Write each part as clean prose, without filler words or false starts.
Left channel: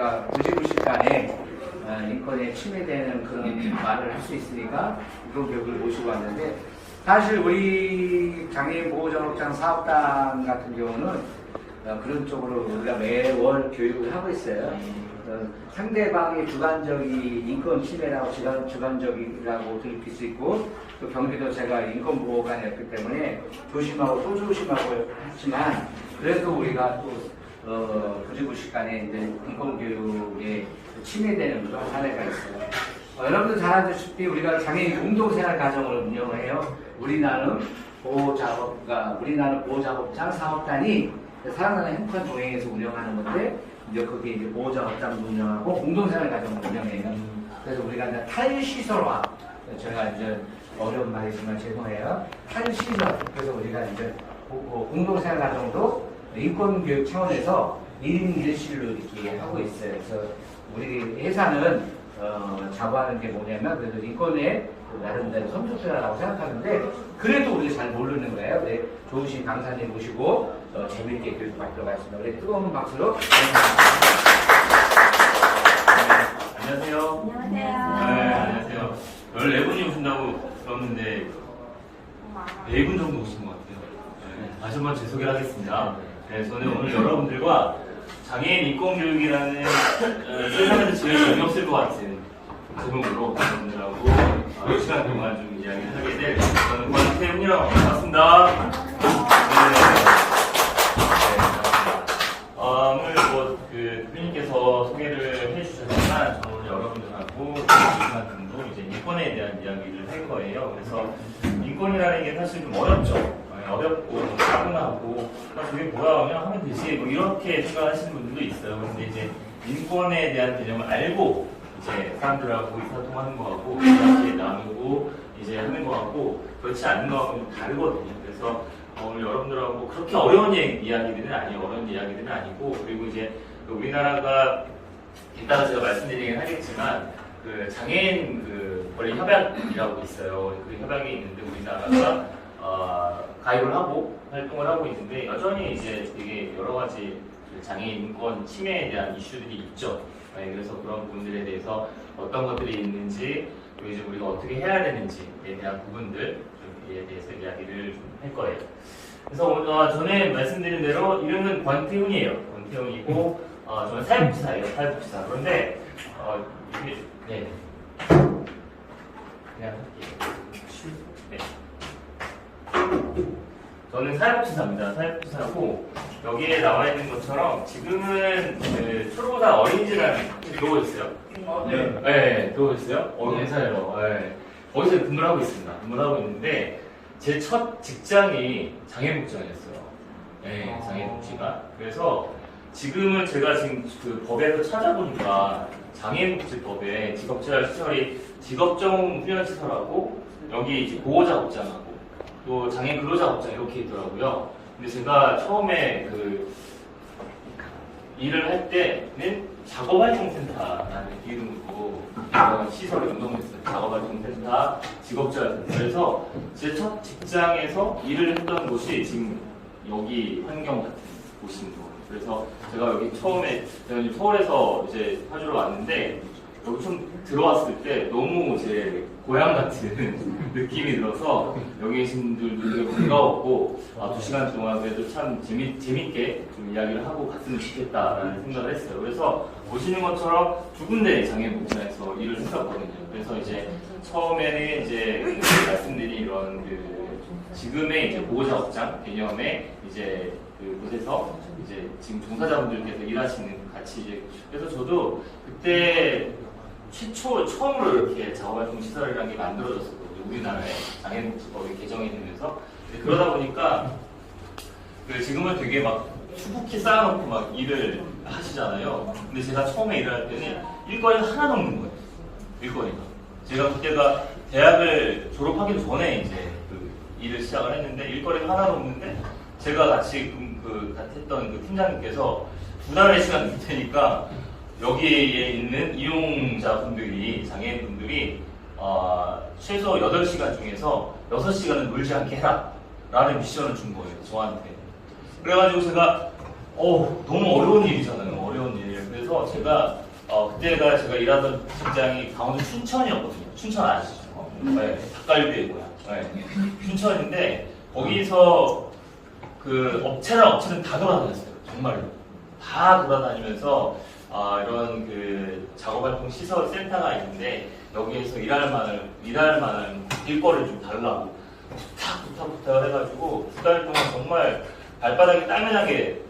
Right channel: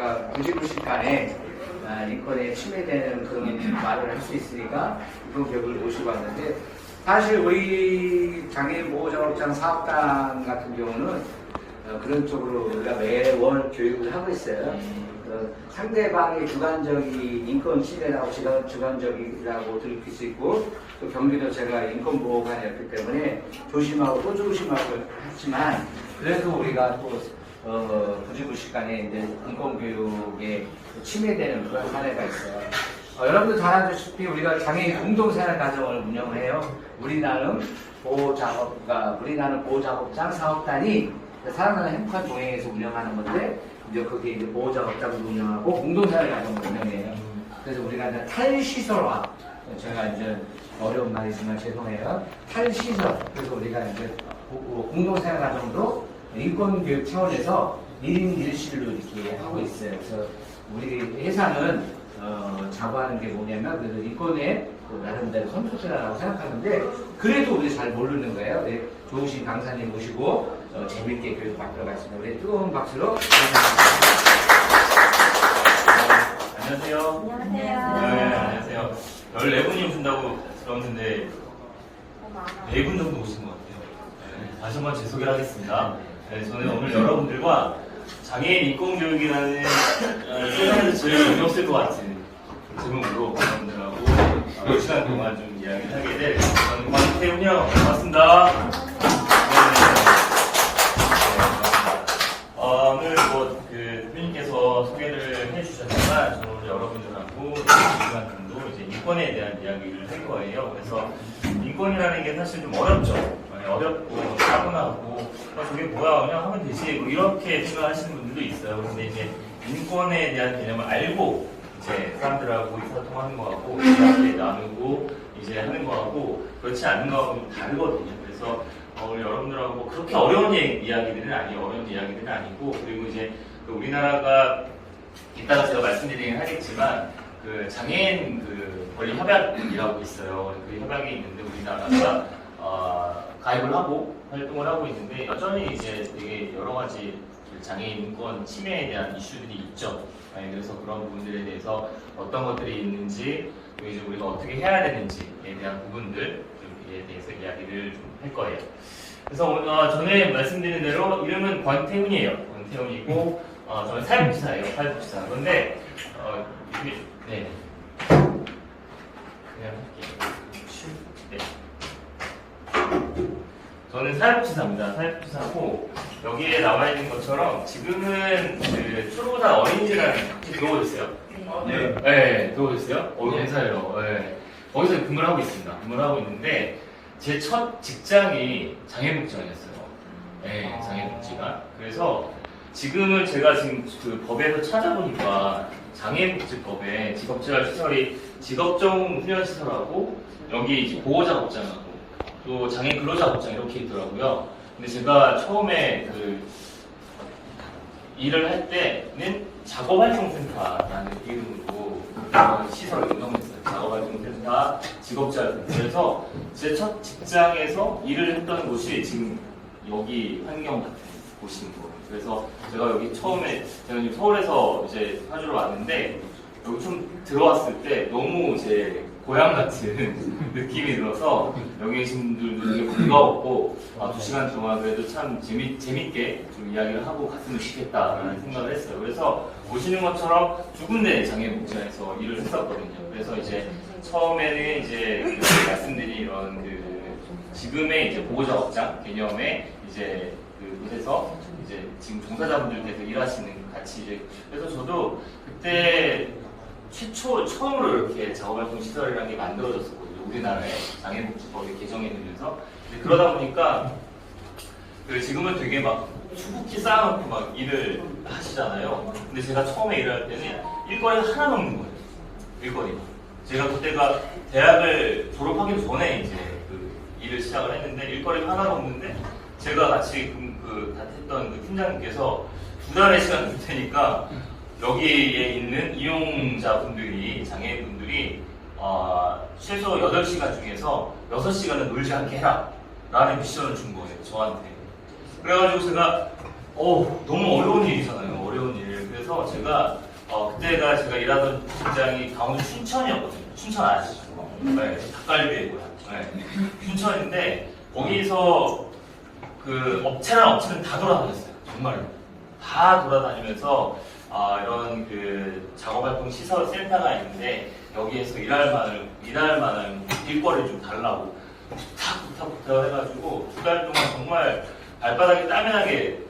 우리가 부지불식간에 인권에 침해되는 그런 말을 할 수 있으니까 그런 교육을 모시고 왔는데, 사실 우리 장애인 보호작업장 사업단 같은 경우는 그런 쪽으로 우리가 매월 교육을 하고 있어요. 상대방의 주관적인 인권 침해라고 주관적이라고 들킬 수 있고, 또 경기도 제가 인권보호관이었기 때문에 조심하고 또 조심하고 했지만, 그래도 우리가 또 부지불식간에 이제 인권교육에 침해되는 그런 사례가 있어요. 여러분들 잘 아시다시피 우리가 장애인 공동생활가정을 운영해요. 우리나는 보호작업장 사업단이 사랑하는 행복한 동행에서 운영하는 건데, 이제 그게 이제 보호작업장을 운영하고 공동생활가정을 운영해요. 그래서 우리가 이제 탈시설화, 제가 이제 어려운 말이지만 죄송해요. 탈시설. 그래서 우리가 이제 공동생활가정도 인권교육 차원에서 1인 1실로 이렇게 하고 있어요. 그래서 우리 회사는 자부하는 게 뭐냐면, 그래도 인권에 나름대로 선두주자라고 생각하는데, 그래도 우리 잘 모르는 거예요. 네, 좋으신 강사님 모시고 재밌게 교육 받도록 하겠습니다. 우리 뜨거운 박수로. 안녕하세요. 안녕하세요. 네, 안녕하세요. 14분이 오신다고 들었는데 4분 정도 오신 것 같아요. 네, 다시 한번 제 소개를 하겠습니다. 네, 저는 오늘 여러분들과 장애인 인권교육이라는 세상에서 제일 재미없을 것 같은 제목으로 여러분들하고 이 시간 동안 좀 이야기를 하게 될, 저는 권태훈이라고 반갑습니다. 네, 반갑습니다. 오늘 대표님께서 소개를 해주셨지만, 저는 오늘 여러분들하고 2시간 정도 이제 인권에 대한 이야기를 할 거예요. 그래서 인권이라는 게 사실 좀 어렵죠. 어렵고 차분하고 저게 뭐야 그냥 하면 되지 뭐 이렇게 생각하시는 분들도 있어요. 근데 이제 인권에 대한 개념을 알고 이제 사람들하고 의사소통하는 거하고 이야기 나누고 이제 하는 거하고 그렇지 않은 거하고 다르거든요. 그래서 오늘 여러분들하고 그렇게 어려운 이야기들은 아니에요. 어려운 이야기들은 아니고, 그리고 이제 우리나라가 이따가 제가 말씀드리긴 하겠지만 그 장애인 권리 협약이라고 있어요. 그 협약이 있는데 우리나라가 가입을 하고 활동을 하고 있는데, 여전히 이제 되게 여러 가지 장애인 인권 침해에 대한 이슈들이 있죠. 그래서 그런 부분들에 대해서 어떤 것들이 있는지, 또 이제 우리가 어떻게 해야 되는지에 대한 부분들에 대해서 이야기를 좀 할 거예요. 그래서 전에 말씀드린 대로 이름은 권태훈이에요. 권태훈이고 저는 사회복지사예요. 사회복지사. 그런데 네. 그냥 할게요. 네. 저는 사회복지사입니다. 사회복지사고, 여기에 나와 있는 것처럼 지금은 그 초록사 어린이집이라는 들어오셨어요? 네. 네, 들어오셨어요? 감사해요. 네. 거기서 근무를 하고 있습니다. 근무를 하고 있는데, 제 첫 직장이 장애복지관이었어요. 네, 장애복지관. 그래서 지금은 제가 지금 그 법에서 찾아보니까 장애복지법에 직업재활시설이 직업정음 훈련시설하고, 여기 이제 보호작업장하고 또 장애인 근로작업장 이렇게 있더라고요. 근데 제가 처음에 일을 할 때는 작업활동센터라는 이름으로 시설을 운영했어요. 작업활동센터, 직업재활센터. 그래서 제 첫 직장에서 일을 했던 곳이 지금 여기 환경 같은 곳인 거예요. 그래서 제가 여기 처음에 저는 서울에서 이제 파주로 왔는데, 여기 좀 들어왔을 때 너무 제 고향 같은 느낌이 들어서 여기 계신 분들도 되게 반가웠고, 2시간 동안 그래도 참 재밌게 좀 이야기를 하고 갔으면 좋겠다라는 생각을 했어요. 그래서 보시는 것처럼 두 군데 장애복지관에서 일을 했었거든요. 그래서 이제 처음에는 이제 말씀드린 이런 지금의 이제 보호작업장 개념의 이제 곳에서 이제 지금 종사자분들께서 일하시는 같이 이제, 그래서 저도 그때 처음으로 이렇게 작업활동 시설이라는 게 만들어졌었거든요. 우리나라에 장애복지법이 개정이 되면서. 그러다 보니까 지금은 되게 막 수북히 쌓아놓고 막 일을 하시잖아요. 근데 제가 처음에 일을 할 때는 일거리가 하나도 없는 거예요. 일거리가. 제가 그때가 대학을 졸업하기도 전에 이제 일을 시작을 했는데 일거리가 하나도 없는데, 제가 같이 했던 팀장님께서 2달의 시간 줄 테니까 여기에 있는 이용자분들이, 장애인분들이 최소 8시간 중에서 6시간은 놀지 않게 해라 라는 미션을 준 거예요, 저한테. 그래가지고 제가 너무 어려운 일이잖아요. 어려운 일. 그래서 그래서 제가 그때가 제가 일하던 직장이 강원도 춘천이었거든요. 춘천 아시죠? 네, 닭갈비의 고향. 네, 춘천인데 거기서 그 업체랑 업체는 다 돌아다녔어요. 정말로 다 돌아다니면서 이런 그 작업활동 시설 센터가 있는데 여기에서 일할 만한 일거리를 좀 달라고 부탁 해가지고 2달 동안 정말 발바닥이 따면하게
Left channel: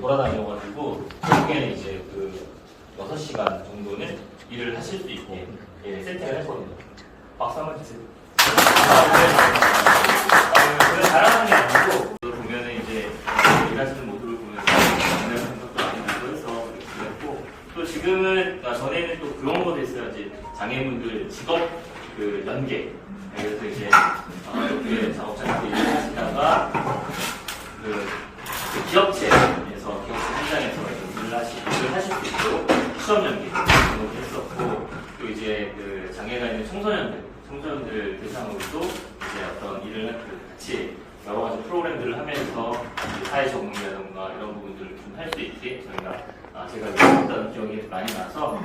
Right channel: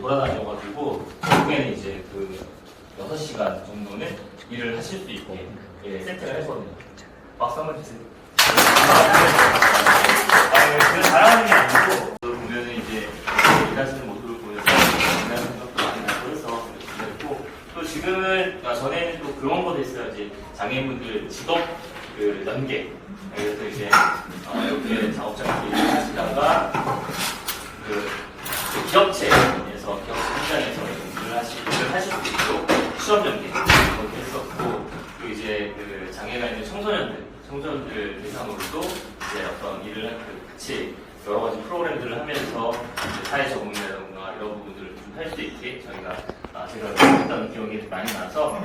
돌아다녀가지고 결국에는 이제 6시간 정도는 일을 하실 수 있게 세팅을 했거든요. 박수 한번 주세요. 그냥 잘하는 게 아니고 보면은 이제 일하시는 모습을 보여서 일하는 생각도 많이 나고 해서 이렇게 됐고 또 지금은 전에는 또 그런 것도 있어요. 이제 장애인분들 직업 연계 그래서 이제 이렇게 작업장에서 일을 하시다가 기업체에서 일을 하실 수 있도록 취업 연계 했었고 또 이제 장애가 있는 청소년들 대상으로도 이제 어떤 일을 같이 여러 가지 프로그램들을 하면서 사회 적응이라든가 이런 부분들을 좀 할 수 있게 제가 했던 기억이 많이 나서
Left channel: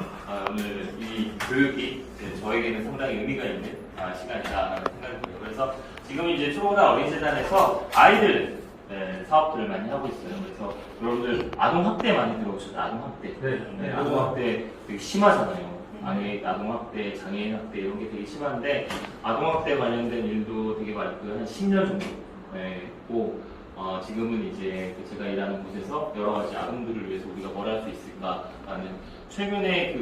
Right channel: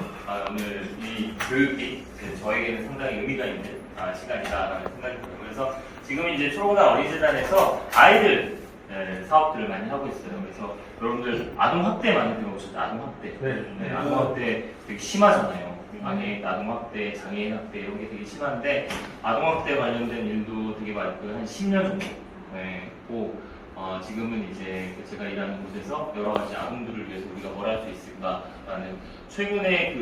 오늘 이 교육이 저에게는 상당히 의미가 있는 시간이다라는 생각이 들어요. 그래서 지금 이제 초록우산 어린이재단에서 아이들 사업들을 많이 하고 있어요. 그래서 여러분들 아동학대 많이 들어오셨죠? 아동학대. 네, 아동학대 되게 심하잖아요. 아동학대, 장애인학대 이런 게 되게 심한데 아동학대 관련된 일도 되게 많고요. 한 10년 정도 했고 지금은 이제 제가 일하는 곳에서 여러 가지 아동들을 위해서 우리가 뭘 할 수 있을까라는 최근에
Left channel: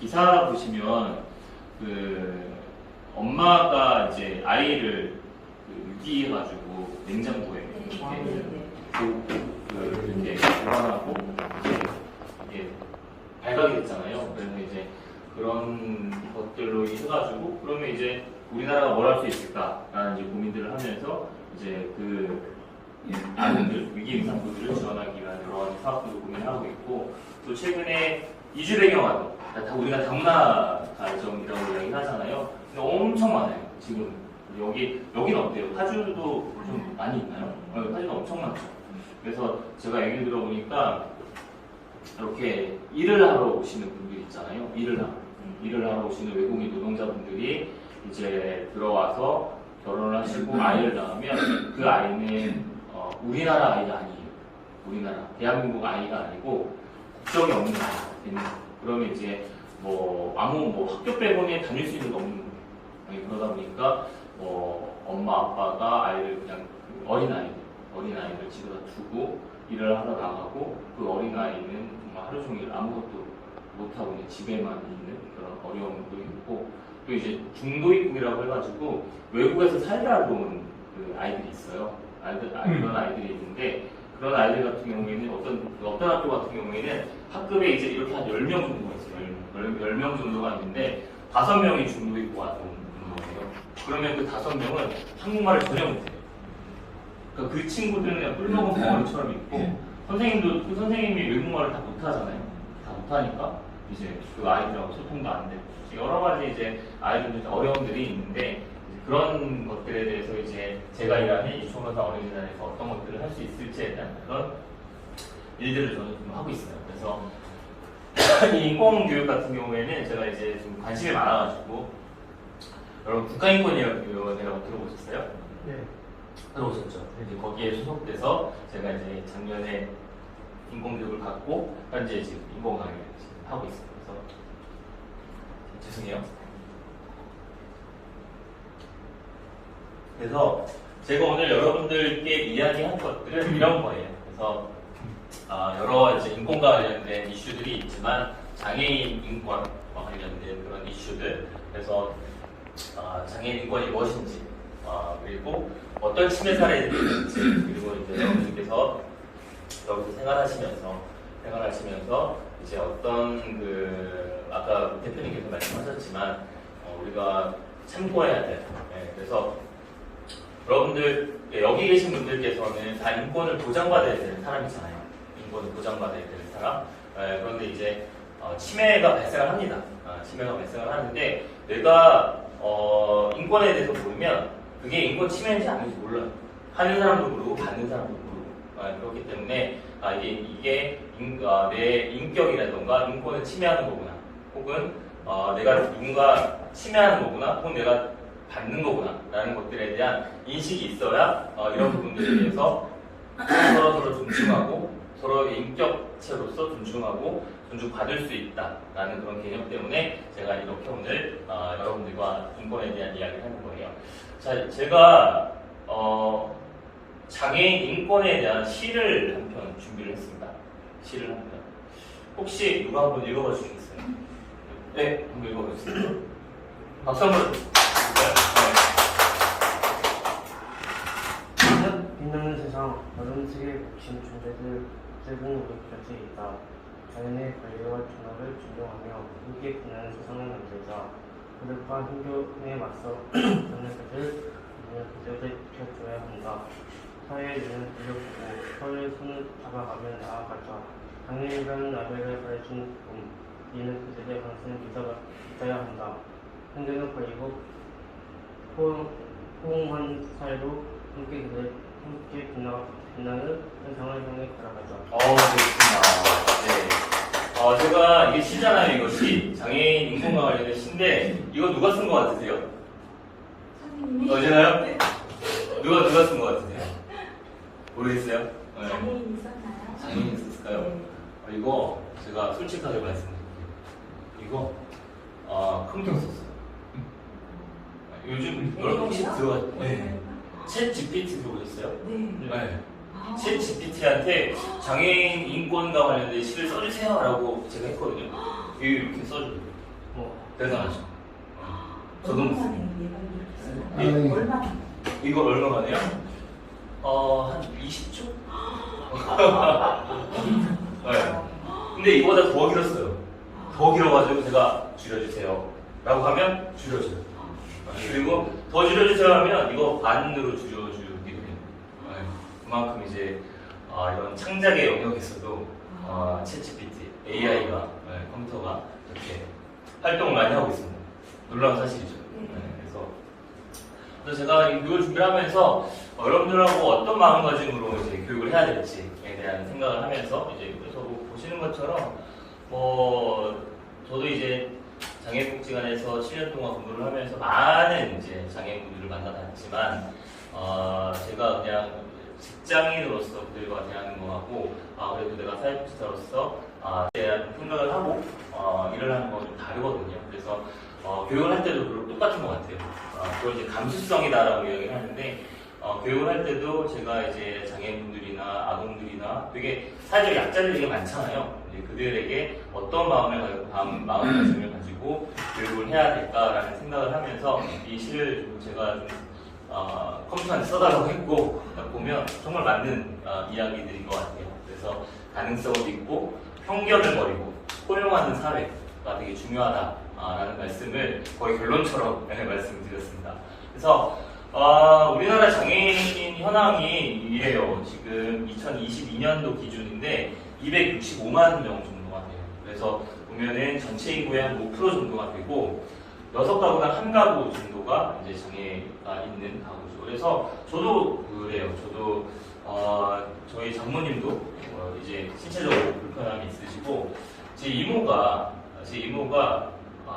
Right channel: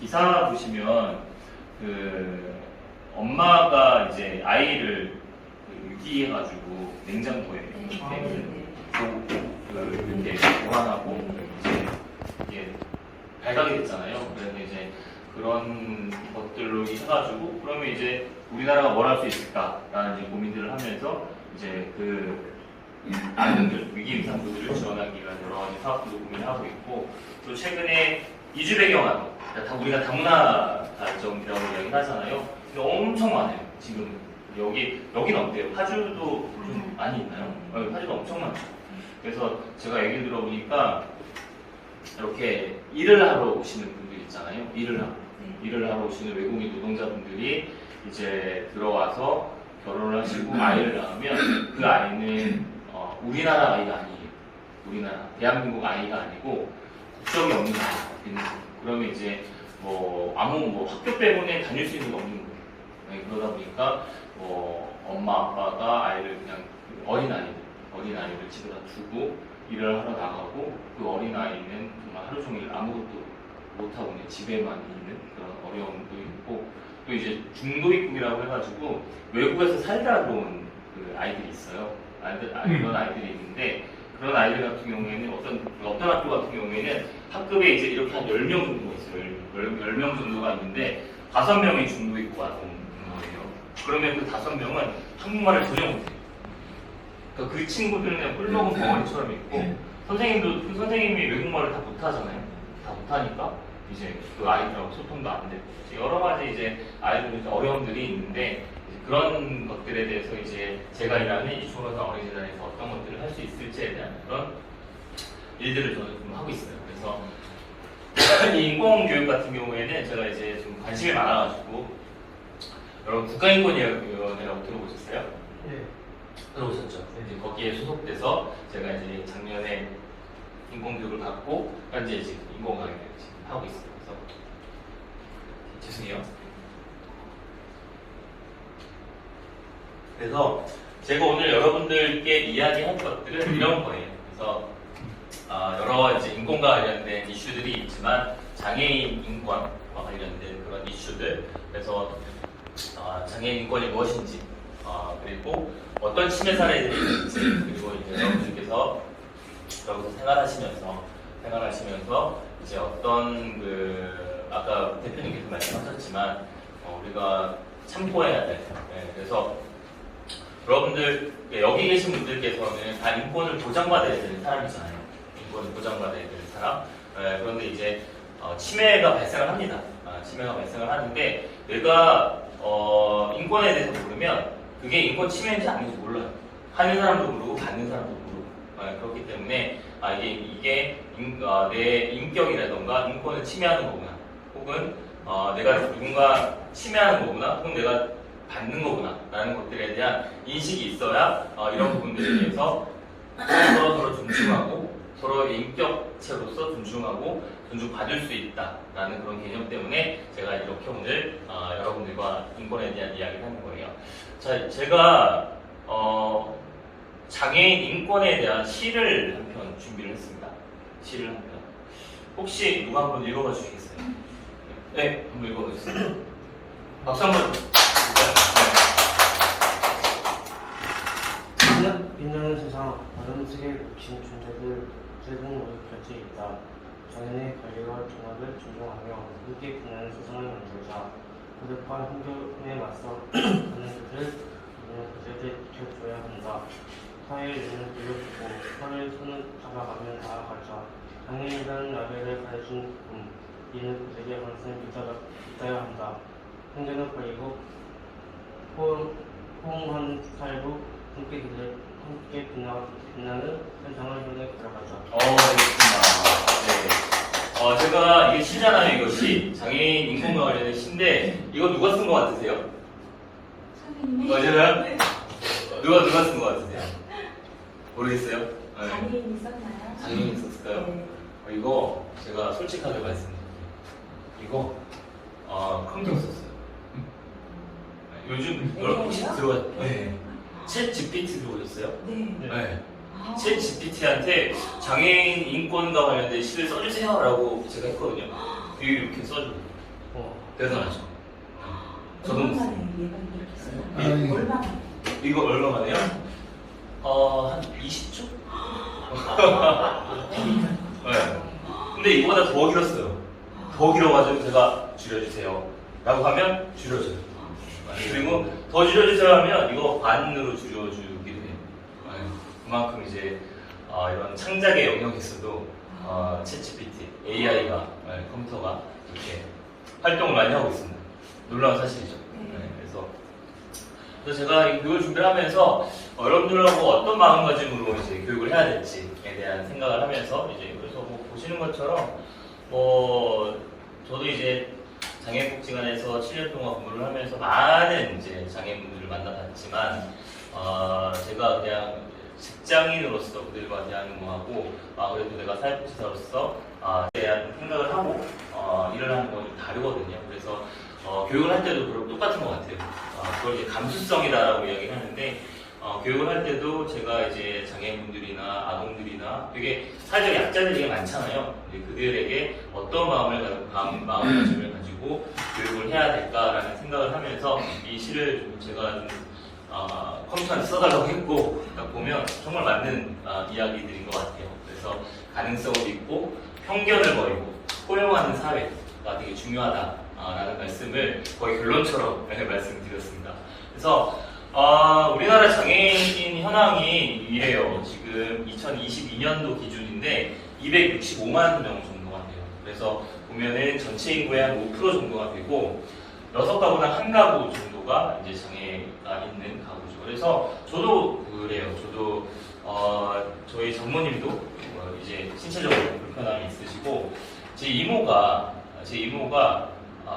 기사 보시면 엄마가 이제 아이를 유기해가지고 냉장고에 이렇게 보관하고 이제 발각이 됐잖아요. 그래서 이제 그런 것들로 해가지고 그러면 이제 우리나라가 뭘 할 수 있을까라는 이제 고민들을 하면서 이제 아동들 위기 임산부들을 지원하기 위한 여러 가지 사업들도 고민하고 있고 또 최근에 이주 배경화도 우리가 다문화 가정이라고 얘기하잖아요. 근데 엄청 많아요. 지금 여긴 어때요? 파주도 좀 많이 있나요? 파주도 엄청 많죠. 그래서 제가 얘기를 들어보니까 이렇게 일을 하러 오시는 분들 있잖아요. 일을 하러 오시는 외국인 노동자분들이 이제 들어와서 결혼을 하시고 아이를 낳으면 그 아이는 우리나라 아이가 아니에요. 대한민국 아이가 아니고 국적이 없는 아이가. 그러면 이제 학교 빼고는 다닐 수 있는 게 없는 거예요. 그러다 보니까 엄마 아빠가 아이를 그냥 어린아이를 집에다 두고 일을 하러 나가고 그 어린아이는 정말 하루 종일 아무것도 못하고 그냥 집에만 있는 그런 어려움도 있고 또 이제 중도입국이라고 해가지고 외국에서 살다 들어오는 아이들이 있어요. 이런 아이들이 있는데 그런 아이들 같은 경우에는 어떤 학교 같은 경우에는 학급에 이제 이렇게 한 10명 정도가 있어요. 10명 정도가 있는데 5명이 중도입국 같은 거예요. 그러면 그 5명은 한국말을 전혀 못해요. 그러니까 그 친구들은 그냥 꿀먹은 벙어리처럼 있고 선생님도 그 선생님이 외국말을 다 못하잖아요. 다 못하니까 이제 그 아이들하고 소통도 안 되고 여러 가지 이제 아이들 어려움들이 있는데 그런 것들에 대해서 이제 제가 일하는 이 초록우산 어린이재단에서 어떤 것들을 할 수 있을지에 대한 그런 일들을 저는 좀 하고 있어요. 그래서 이 인권교육 같은 경우에는 제가 이제 좀 관심이 많아가지고 여러분 국가인권위원회라고 들어보셨어요? 네. 들어보셨죠? 이제 거기에 소속돼서 제가 이제 작년에 인권교육을 받고 현재 이제 인권 강의를 하고 있어요. 그래서 죄송해요. 그래서 제가 오늘 여러분들께 이야기할 것들은 이런 거예요. 그래서 여러 이제 인권과 관련된 이슈들이 있지만 장애인 인권과 관련된 그런 이슈들, 그래서 장애인 인권이 무엇인지, 그리고 어떤 침해 사례들이 있는지, 그리고 이제 여러분들께서 여기서 생활하시면서 이제 어떤 아까 대표님께서 말씀하셨지만 우리가 참고해야 돼. 그래서 여러분들 여기 계신 분들께서는 다 인권을 보장받아야 되는 사람이잖아요. 인권을 보장받아야 되는 사람. 그런데 이제 침해가 발생을 합니다. 침해가 발생을 하는데 내가 인권에 대해서 모르면 그게 인권 침해인지 아닌지 몰라요. 하는 사람도 모르고 받는 사람도 모르고 그렇기 때문에 이게 내 인격이라던가 인권을 침해하는 거구나, 혹은 내가 누군가 침해하는 거구나, 혹은 내가 받는 거구나 라는 것들에 대한 인식이 있어야 이런 부분들에 대해서 서로 존중하고 서로의 인격체로서 존중하고 존중받을 수 있다라는 그런 개념 때문에 제가 이렇게 오늘 여러분들과 인권에 대한 이야기를 하는 거예요. 자, 제가 장애인 인권에 대한 시를 한 편 준비를 했습니다. 시를 한 편. 혹시 누가 한번 읽어봐 주시겠어요? 네, 한번 읽어봐 주세요. 박수 한번. 빛나는 세상, 어둠 속에 묻힌 존재들은 우리 곁에 있다. 자연의 권리와 종합을 존중하며 함께 빛나는 세상을 만들자. 고독과 힘겨움에 맞서 서는 그들을 지켜줘야 한다. 사회의 눈을 돌려보고 서로의 손을 잡아가며 나아가자. 장애인이라는 나벨을 가르친 이는 그들의 항상 믿어야 한다. 편견을 버리고 호응한 사회로 함께 빛나는 세상을 향해 걸어가자. 좋습니다. 네. 제가 이게 시잖아요, 이것이. 장애인 인권과 관련된 시인데, 이거 누가 쓴 것 같으세요? 맞아요? 네. 누가 쓴 것 같으세요? 모르겠어요? 네. 장애인이 썼나요? 장애인이 썼을까요? 네. 이거 제가 솔직하게 말씀드릴게요. 이거 컴퓨터 썼어요. 요즘 여러분 혹시 네. 챗 GPT 들어보셨어요? 네. 네. 챗 GPT한테 장애인 인권과 관련된 시를 써주세요라고 제가 했거든요. 이렇게 써줘요. 대단하죠. 저도 얼마 못 만에 얘가 네. 이렇게 써요? 얼마 만에? 이거 얼마 만에요? 한 20초? 네. 근데 이거보다 더 길었어요. 더 길어가지고 제가 줄여주세요 라고 하면 줄여줘요. 그리고 더 줄여주세요 하면 이거 반으로 줄여주기도 해요. 그만큼 이제 이런 창작의 영역에서도 챗 GPT, AI가 컴퓨터가 이렇게 활동을 많이 하고 있습니다. 놀라운 사실이죠. 그래서 제가 이 교육을 준비를 하면서 여러분들하고 어떤 마음가짐으로 이제 교육을 해야 될지에 대한 생각을 하면서 이제 그래서 뭐 보시는 것처럼 저도 이제 장애복지관에서 7년 동안 근무를 하면서 많은 이제 장애인분들을 만나봤지만 제가 그냥 직장인으로서 그들과 대하는 거하고 그래도 내가 사회복지사로서 대한 생각을 하고 일을 하는 건 좀 다르거든요. 그래서 교육을 할 때도 똑같은 것 같아요. 그걸 이제 감수성이다라고 이야기를 하는데 교육을 할 때도 제가 이제 장애인분들이나 아동들이나 되게 사회적 약자들이 되게 많잖아요. 그들에게 어떤 마음가짐을 가지고 교육을 해야 될까라는 생각을 하면서 이 시를 좀 제가 좀 컴퓨터한테 써달라고 했고 딱 보면 정말 맞는 이야기들인 것 같아요. 그래서 가능성을 믿고 편견을 버리고 포용하는 사회가 되게 중요하다라는 말씀을 거의 결론처럼 말씀드렸습니다. 그래서 우리나라 장애인 현황이 이래요. 지금 2022년도 기준인데 265만 명 정도가 돼요. 그래서 보면은 전체 인구의 한 5% 정도가 되고 6가구당 1가구 정도가 이제 장애가 있는 가구죠. 그래서 저도 그래요. 저도 저희 장모님도 이제 신체적으로 불편함이 있으시고 제 이모가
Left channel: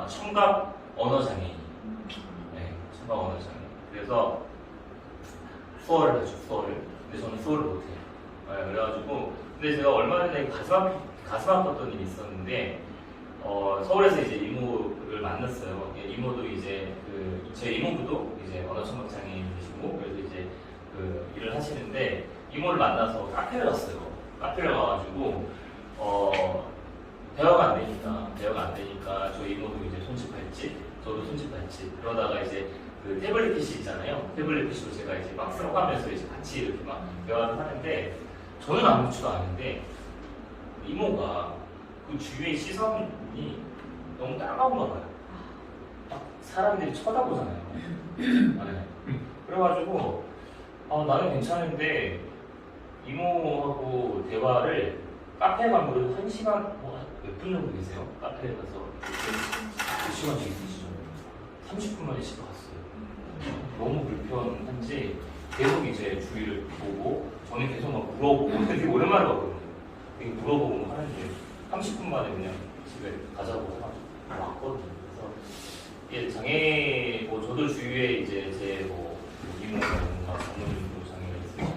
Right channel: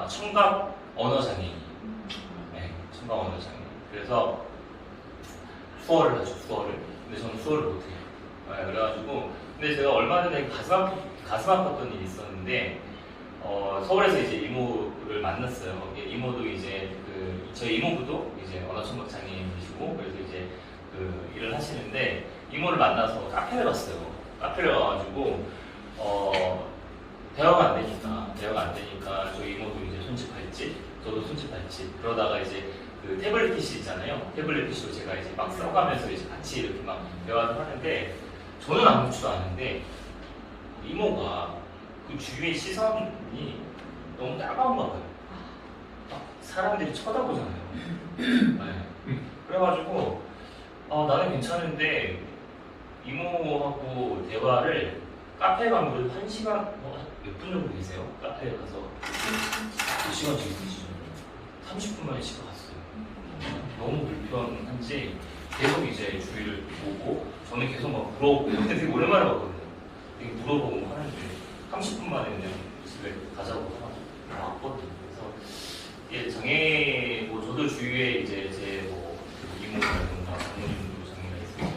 청각 언어 장애인. 네, 청각 언어 장애인. 그래서 수어를 하죠, 수어를. 근데 저는 수어를 못해요. 네, 그래가지고 근데 제가 얼마 전에 가슴 아팠던 일이 있었는데 서울에서 이제 이모를 만났어요. 이모도 이제 저희 이모부도 이제 언어 청각 장애인이시고 그래서 이제 일을 하시는데 이모를 만나서 카페를 갔어요. 카페를 가가지고 대화가 안 되니까 저희 이모도 이제 손짓발짓, 저도 손짓발짓. 그러다가 이제 태블릿 PC 있잖아요. 태블릿 PC로 제가 이제 막 써가면서 이제 같이 이렇게 막 대화를 하는데 저는 아무렇지도 않은데 이모가 그 주위의 시선이 너무 따가운가 봐요. 사람들이 쳐다보잖아요. 네. 그래가지고 나는 괜찮은데 이모하고 대화를 카페에 간 거를 1시간 몇 분 정도 계세요? 카페에 가서 몇 시간씩 있으시죠? 30분 만에 집에 갔어요. 너무 불편한지 계속 이제 주위를 보고 저는 계속 막 물어보고 되게 오랜만에 봤거든요. 되게 물어보고 하는데 30분 만에 그냥 집에 가자고 왔거든요. 그래서 이게 장애 뭐 저도 주위에 이제 제뭐 이모라든가 장모님도 장애가 있으시고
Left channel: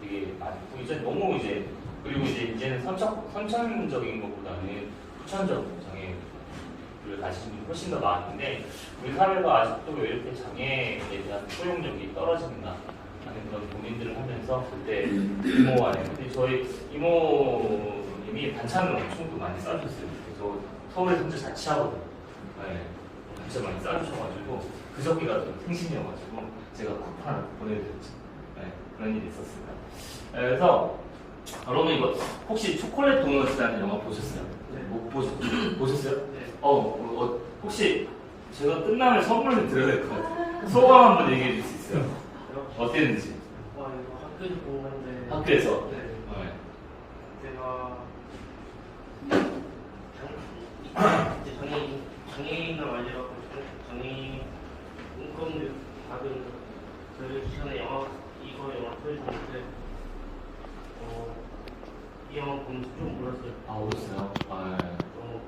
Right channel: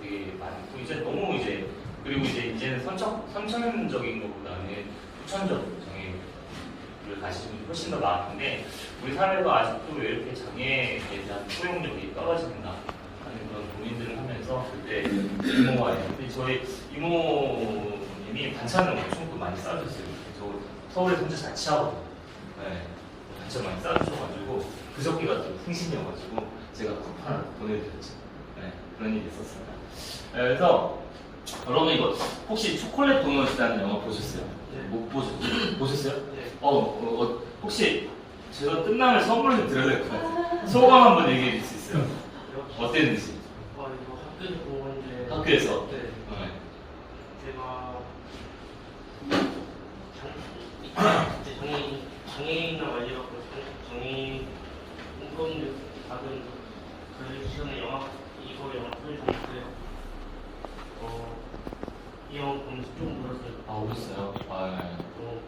되게 많고 이제 너무 이제 그리고 이제는 선천적인 것보다는 후천적 장애를 가지신 분이 훨씬 더 많은데 우리 사회가 아직도 왜 이렇게 장애에 대한 포용력이 떨어지는가 하는 그런 고민들을 하면서 그때 이모한테 저희 이모님이 반찬을 엄청 또 많이 싸주셨어요. 그래서 서울에 혼자 자취하고 네, 반찬 많이 싸주셔가지고 그저께가 좀 생신이어가지고 제가 쿠팡을 보내드렸죠. 네, 그런 일이 있었어요. 네, 그래서 여러분 이거 혹시 초콜릿 도넛이라는 영화 보셨어요? 네. 못 보셨어요? 네. 혹시 제가 끝나면 선물을 드려야 될 것 같아요. 소감 한번 얘기해 줄 수 있어요? 어땠는지? 와 이거 학교에서 본 건데. 학교에서? 네. 네. 제가 장애인이나 말려갖고 장애인 인권 받은 그 시간에 이거 영화 보여주는데 이 영화 보면서 좀 울었어요. 아, 울었어요? 아, 네. 좀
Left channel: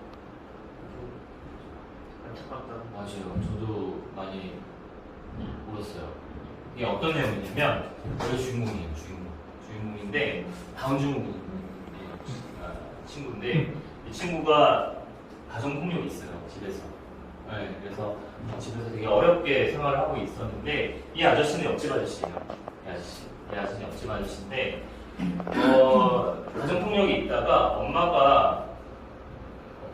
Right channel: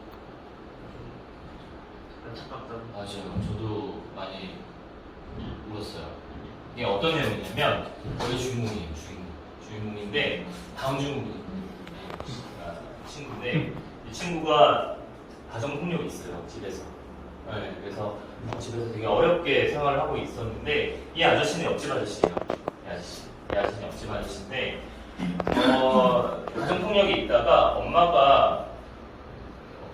안타깝다. 맞아요. 저도 많이 울었어요. 이게 어떤 내용이냐면, 저희 주인공이에요, 주인공인데, 다음 주인공이 친구인데, 이 친구가 가정폭력이 있어요, 집에서. 네, 그래서 집에서 되게 어렵게 생활을 하고 있었는데, 이 아저씨는 옆집 아저씨예요. 이 아저씨는 옆집 아저씨인데, 가정폭력이 있다가 엄마가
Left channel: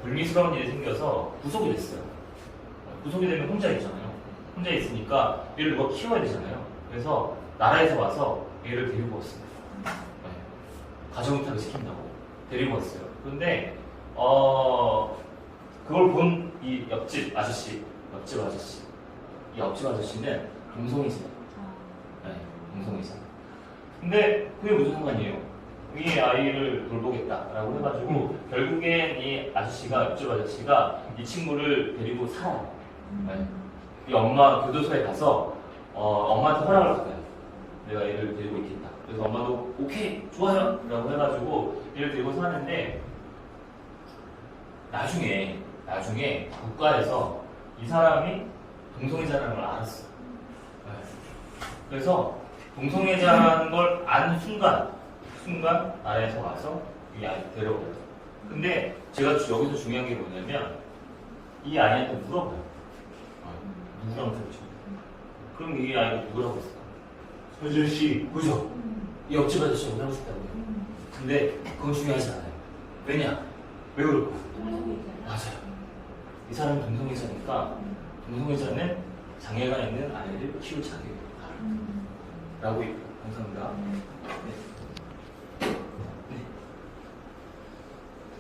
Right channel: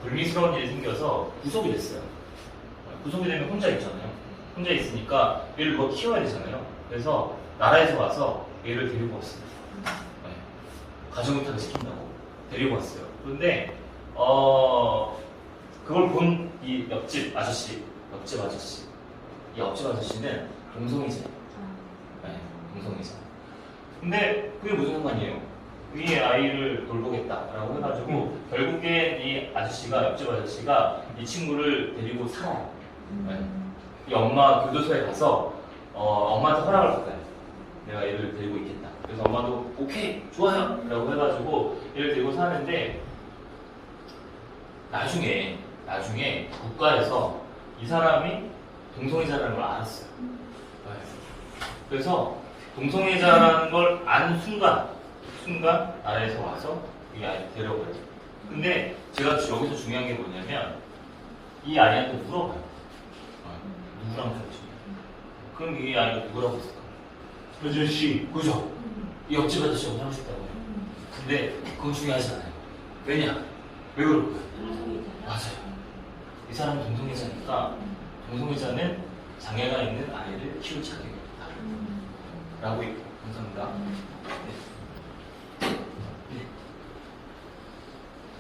불미스러운 일이 생겨서 구속이 됐어요. 구속이 되면 혼자 있잖아요. 혼자 있으니까 얘를 누가 키워야 되잖아요. 그래서 나라에서 와서 얘를 데리고 왔어요. 네. 가정이탈을 시킨다고 데리고 왔어요. 그런데 그걸 본 이 옆집 아저씨는 동성이잖아요. 네, 동성이자. 근데 그게 무슨 상관이에요? 이 아이를 돌보겠다라고 해가지고 결국엔 이 아저씨가 옆집 아저씨가 이 친구를 데리고 살아요. 네. 이 엄마 교도소에 가서 엄마한테 허락을 받아요. 내가 얘를 데리고 있겠다. 그래서 엄마도 오케이 좋아요 라고 해가지고 얘를 데리고 사는데 나중에 국가에서 이 사람이 동성애자라는 걸 알았어요. 그래서 동성애자라는 걸 아는 순간 나라에서 와서 이 아이를 데려가요. 근데 제가 여기서 중요한 게 뭐냐면 이 아이한테 물어봐요. 누구랑 살지? 그럼 이 아이가 누구라고 했을까? 아저씨. 그죠? 이 옆집 아저씨하고 살고 싶다고요. 근데 그건 중요하지 않아요. 왜냐? 왜 그럴까요? 맞아요. 이 사람이 동성애자니까 동성애자는 장애가 있는 아이를 키울 자격이 없다. 라고 있고. 감사합니다. 네.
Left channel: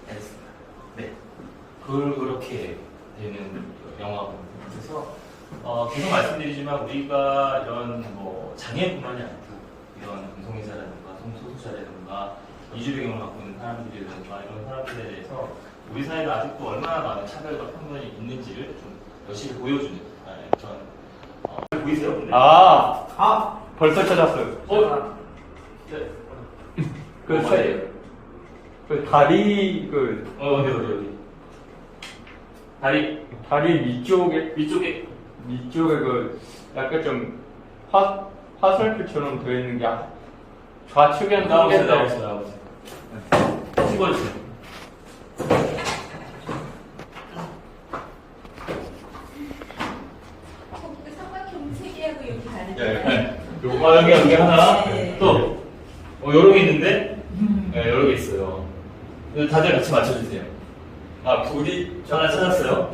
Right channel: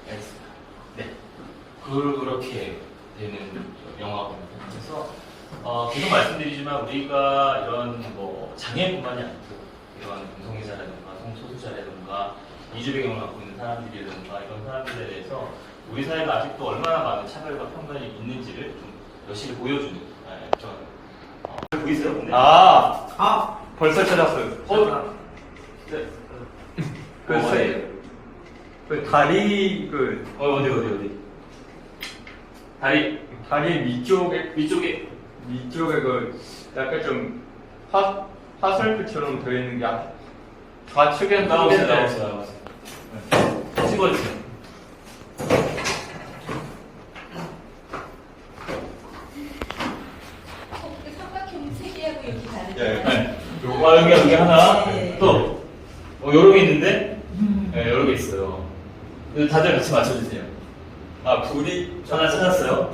알겠습니다. 네. 그렇게 되는 영화입니다. 그래서 계속 말씀드리지만 우리가 이런 뭐 장애뿐만이 아니고 이런 동성애자라든가 성소수자라든가 이주 배경을 갖고 있는 사람들이라든가 이런 사람들에 대해서 우리 사회가 아직도 얼마나 많은 차별과 편견이 있는지를 좀 열심히 보여주는 그런 보이세요? 근데? 벌써 찾았어요. 네. 그 다리 어디? 다리 위쪽에 위쪽에 그 약간 좀 화살표처럼 되어 있는 게 좌측에 나오세요. 네. 찍어주세요. 삼각형 3개하고 이렇게 다르죠? 네. 여기 하나, 또, 여러 개 있는데, 네, 여러 개 있어요. 다들 같이 맞춰주세요. 불이 하나 찾았어요?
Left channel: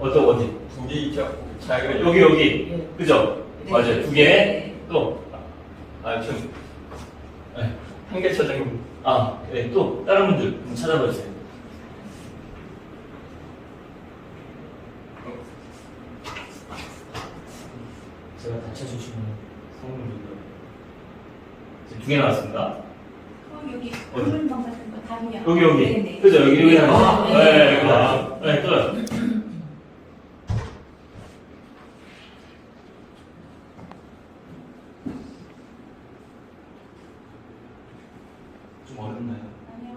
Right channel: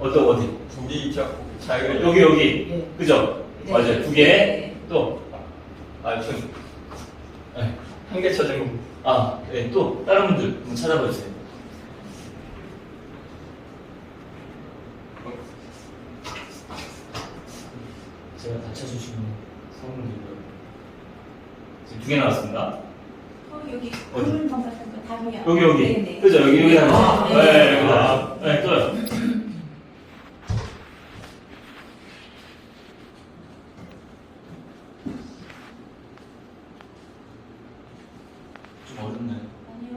어디? 불이 자기가 여기. 그죠? 네. 맞아요. 2개. 또, 좀 네. 한 개 찾은 네. 또, 다른 분들 한번 찾아봐주세요. 제가 다 찾으시면 성분들. 지금 2개 나왔습니다. 여기 어디? 붉은 같은 거 다리요. 여기. 네네. 그죠? 여기 하나. 네. 네, 또요. 좀 어렵나요? 아니요.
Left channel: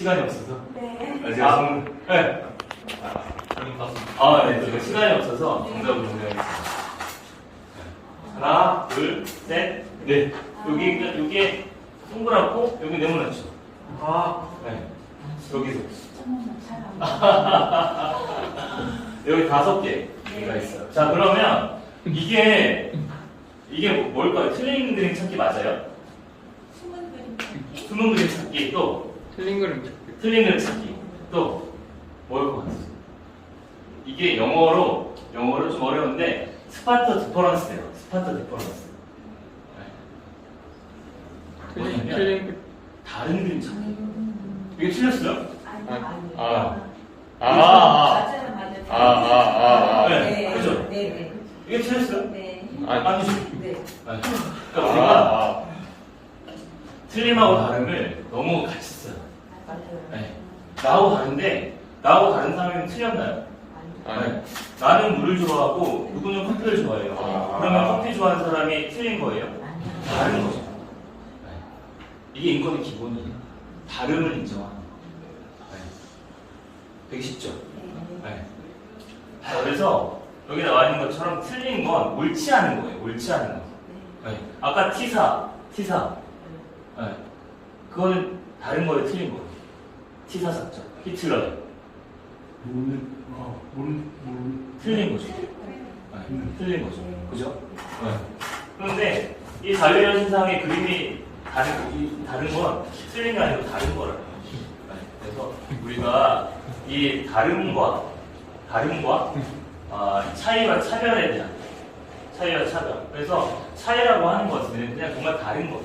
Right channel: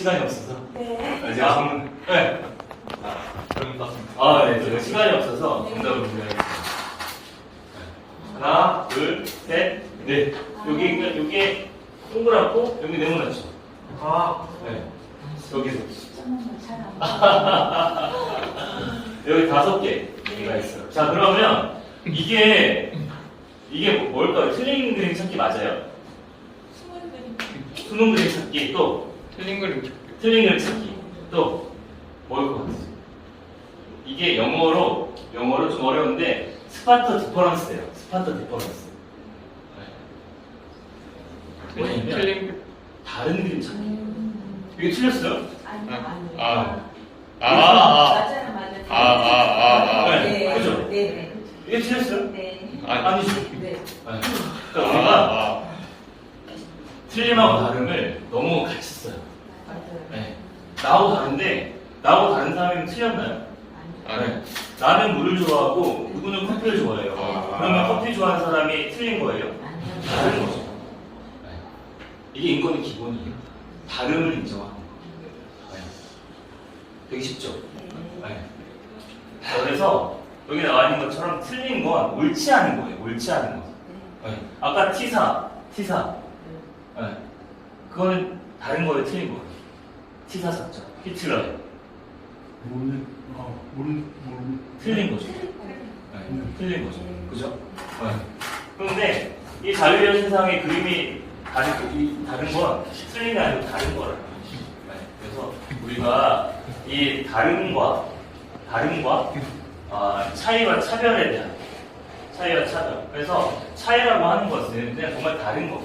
시간이 없어서. 네. 제가 네. 저는 봤습니다. 네. 제가 시간이 없어서 정답을 공개하겠습니다. 하나, 둘, 셋, 넷. 여기 동그랗고, 여기 네모나죠? 네. 여기서. 여기 5개가 있어요. 자, 그러면 이게 뭘까요? 틀린 그림 찾기 맞아요? 숨은 그림 찾기 또 틀린 그림 틀린 그림 찾기 또 뭘 것 같아요? 이게 영어로 좀 어려운데 스파터 디퍼런스예요. 스파터 디퍼런스. 뭐냐면 틀린 다른 그림 찾기. 이게 틀렸어요? 네, 그죠? 네. 이게 틀렸어요? 네. 아니죠? 네. 그러니까 우리가 틀림하고 다름을 너무 같이 써요. 맞아요. 네. 나하고 다른데 나하고 다른 사람이면 틀렸나요? 네. 나는 물을 좋아하고 누구는 커피를 좋아해요. 그러면 커피 좋아하는 사람이 틀린 거예요? 다른 거죠. 네. 이게 인권의 기본이에요. 다름을 인정하는 거. 네. 되게 쉽죠? 네. 자, 그래서 여기 나와 있는 것처럼 틀린 건 옳지 않은 거예요. 옳지 않은 거. 네. 아까 T사. 네. 그거는 다른 거에 틀린 거예요. T사 작자. 히틀러예요. 틀린 거죠. 네. 틀린 거죠. 그죠? 네. 그런데 이 자유의 신상의 그림이 다른 건 틀린 게 아니고 다른 거라는 거죠. 네. 그래서 우리가 이 다름과 차이와 차별에 대한 차이와 차별. 그래서 차이라고 하는 것은 그냥 정말 다른 거.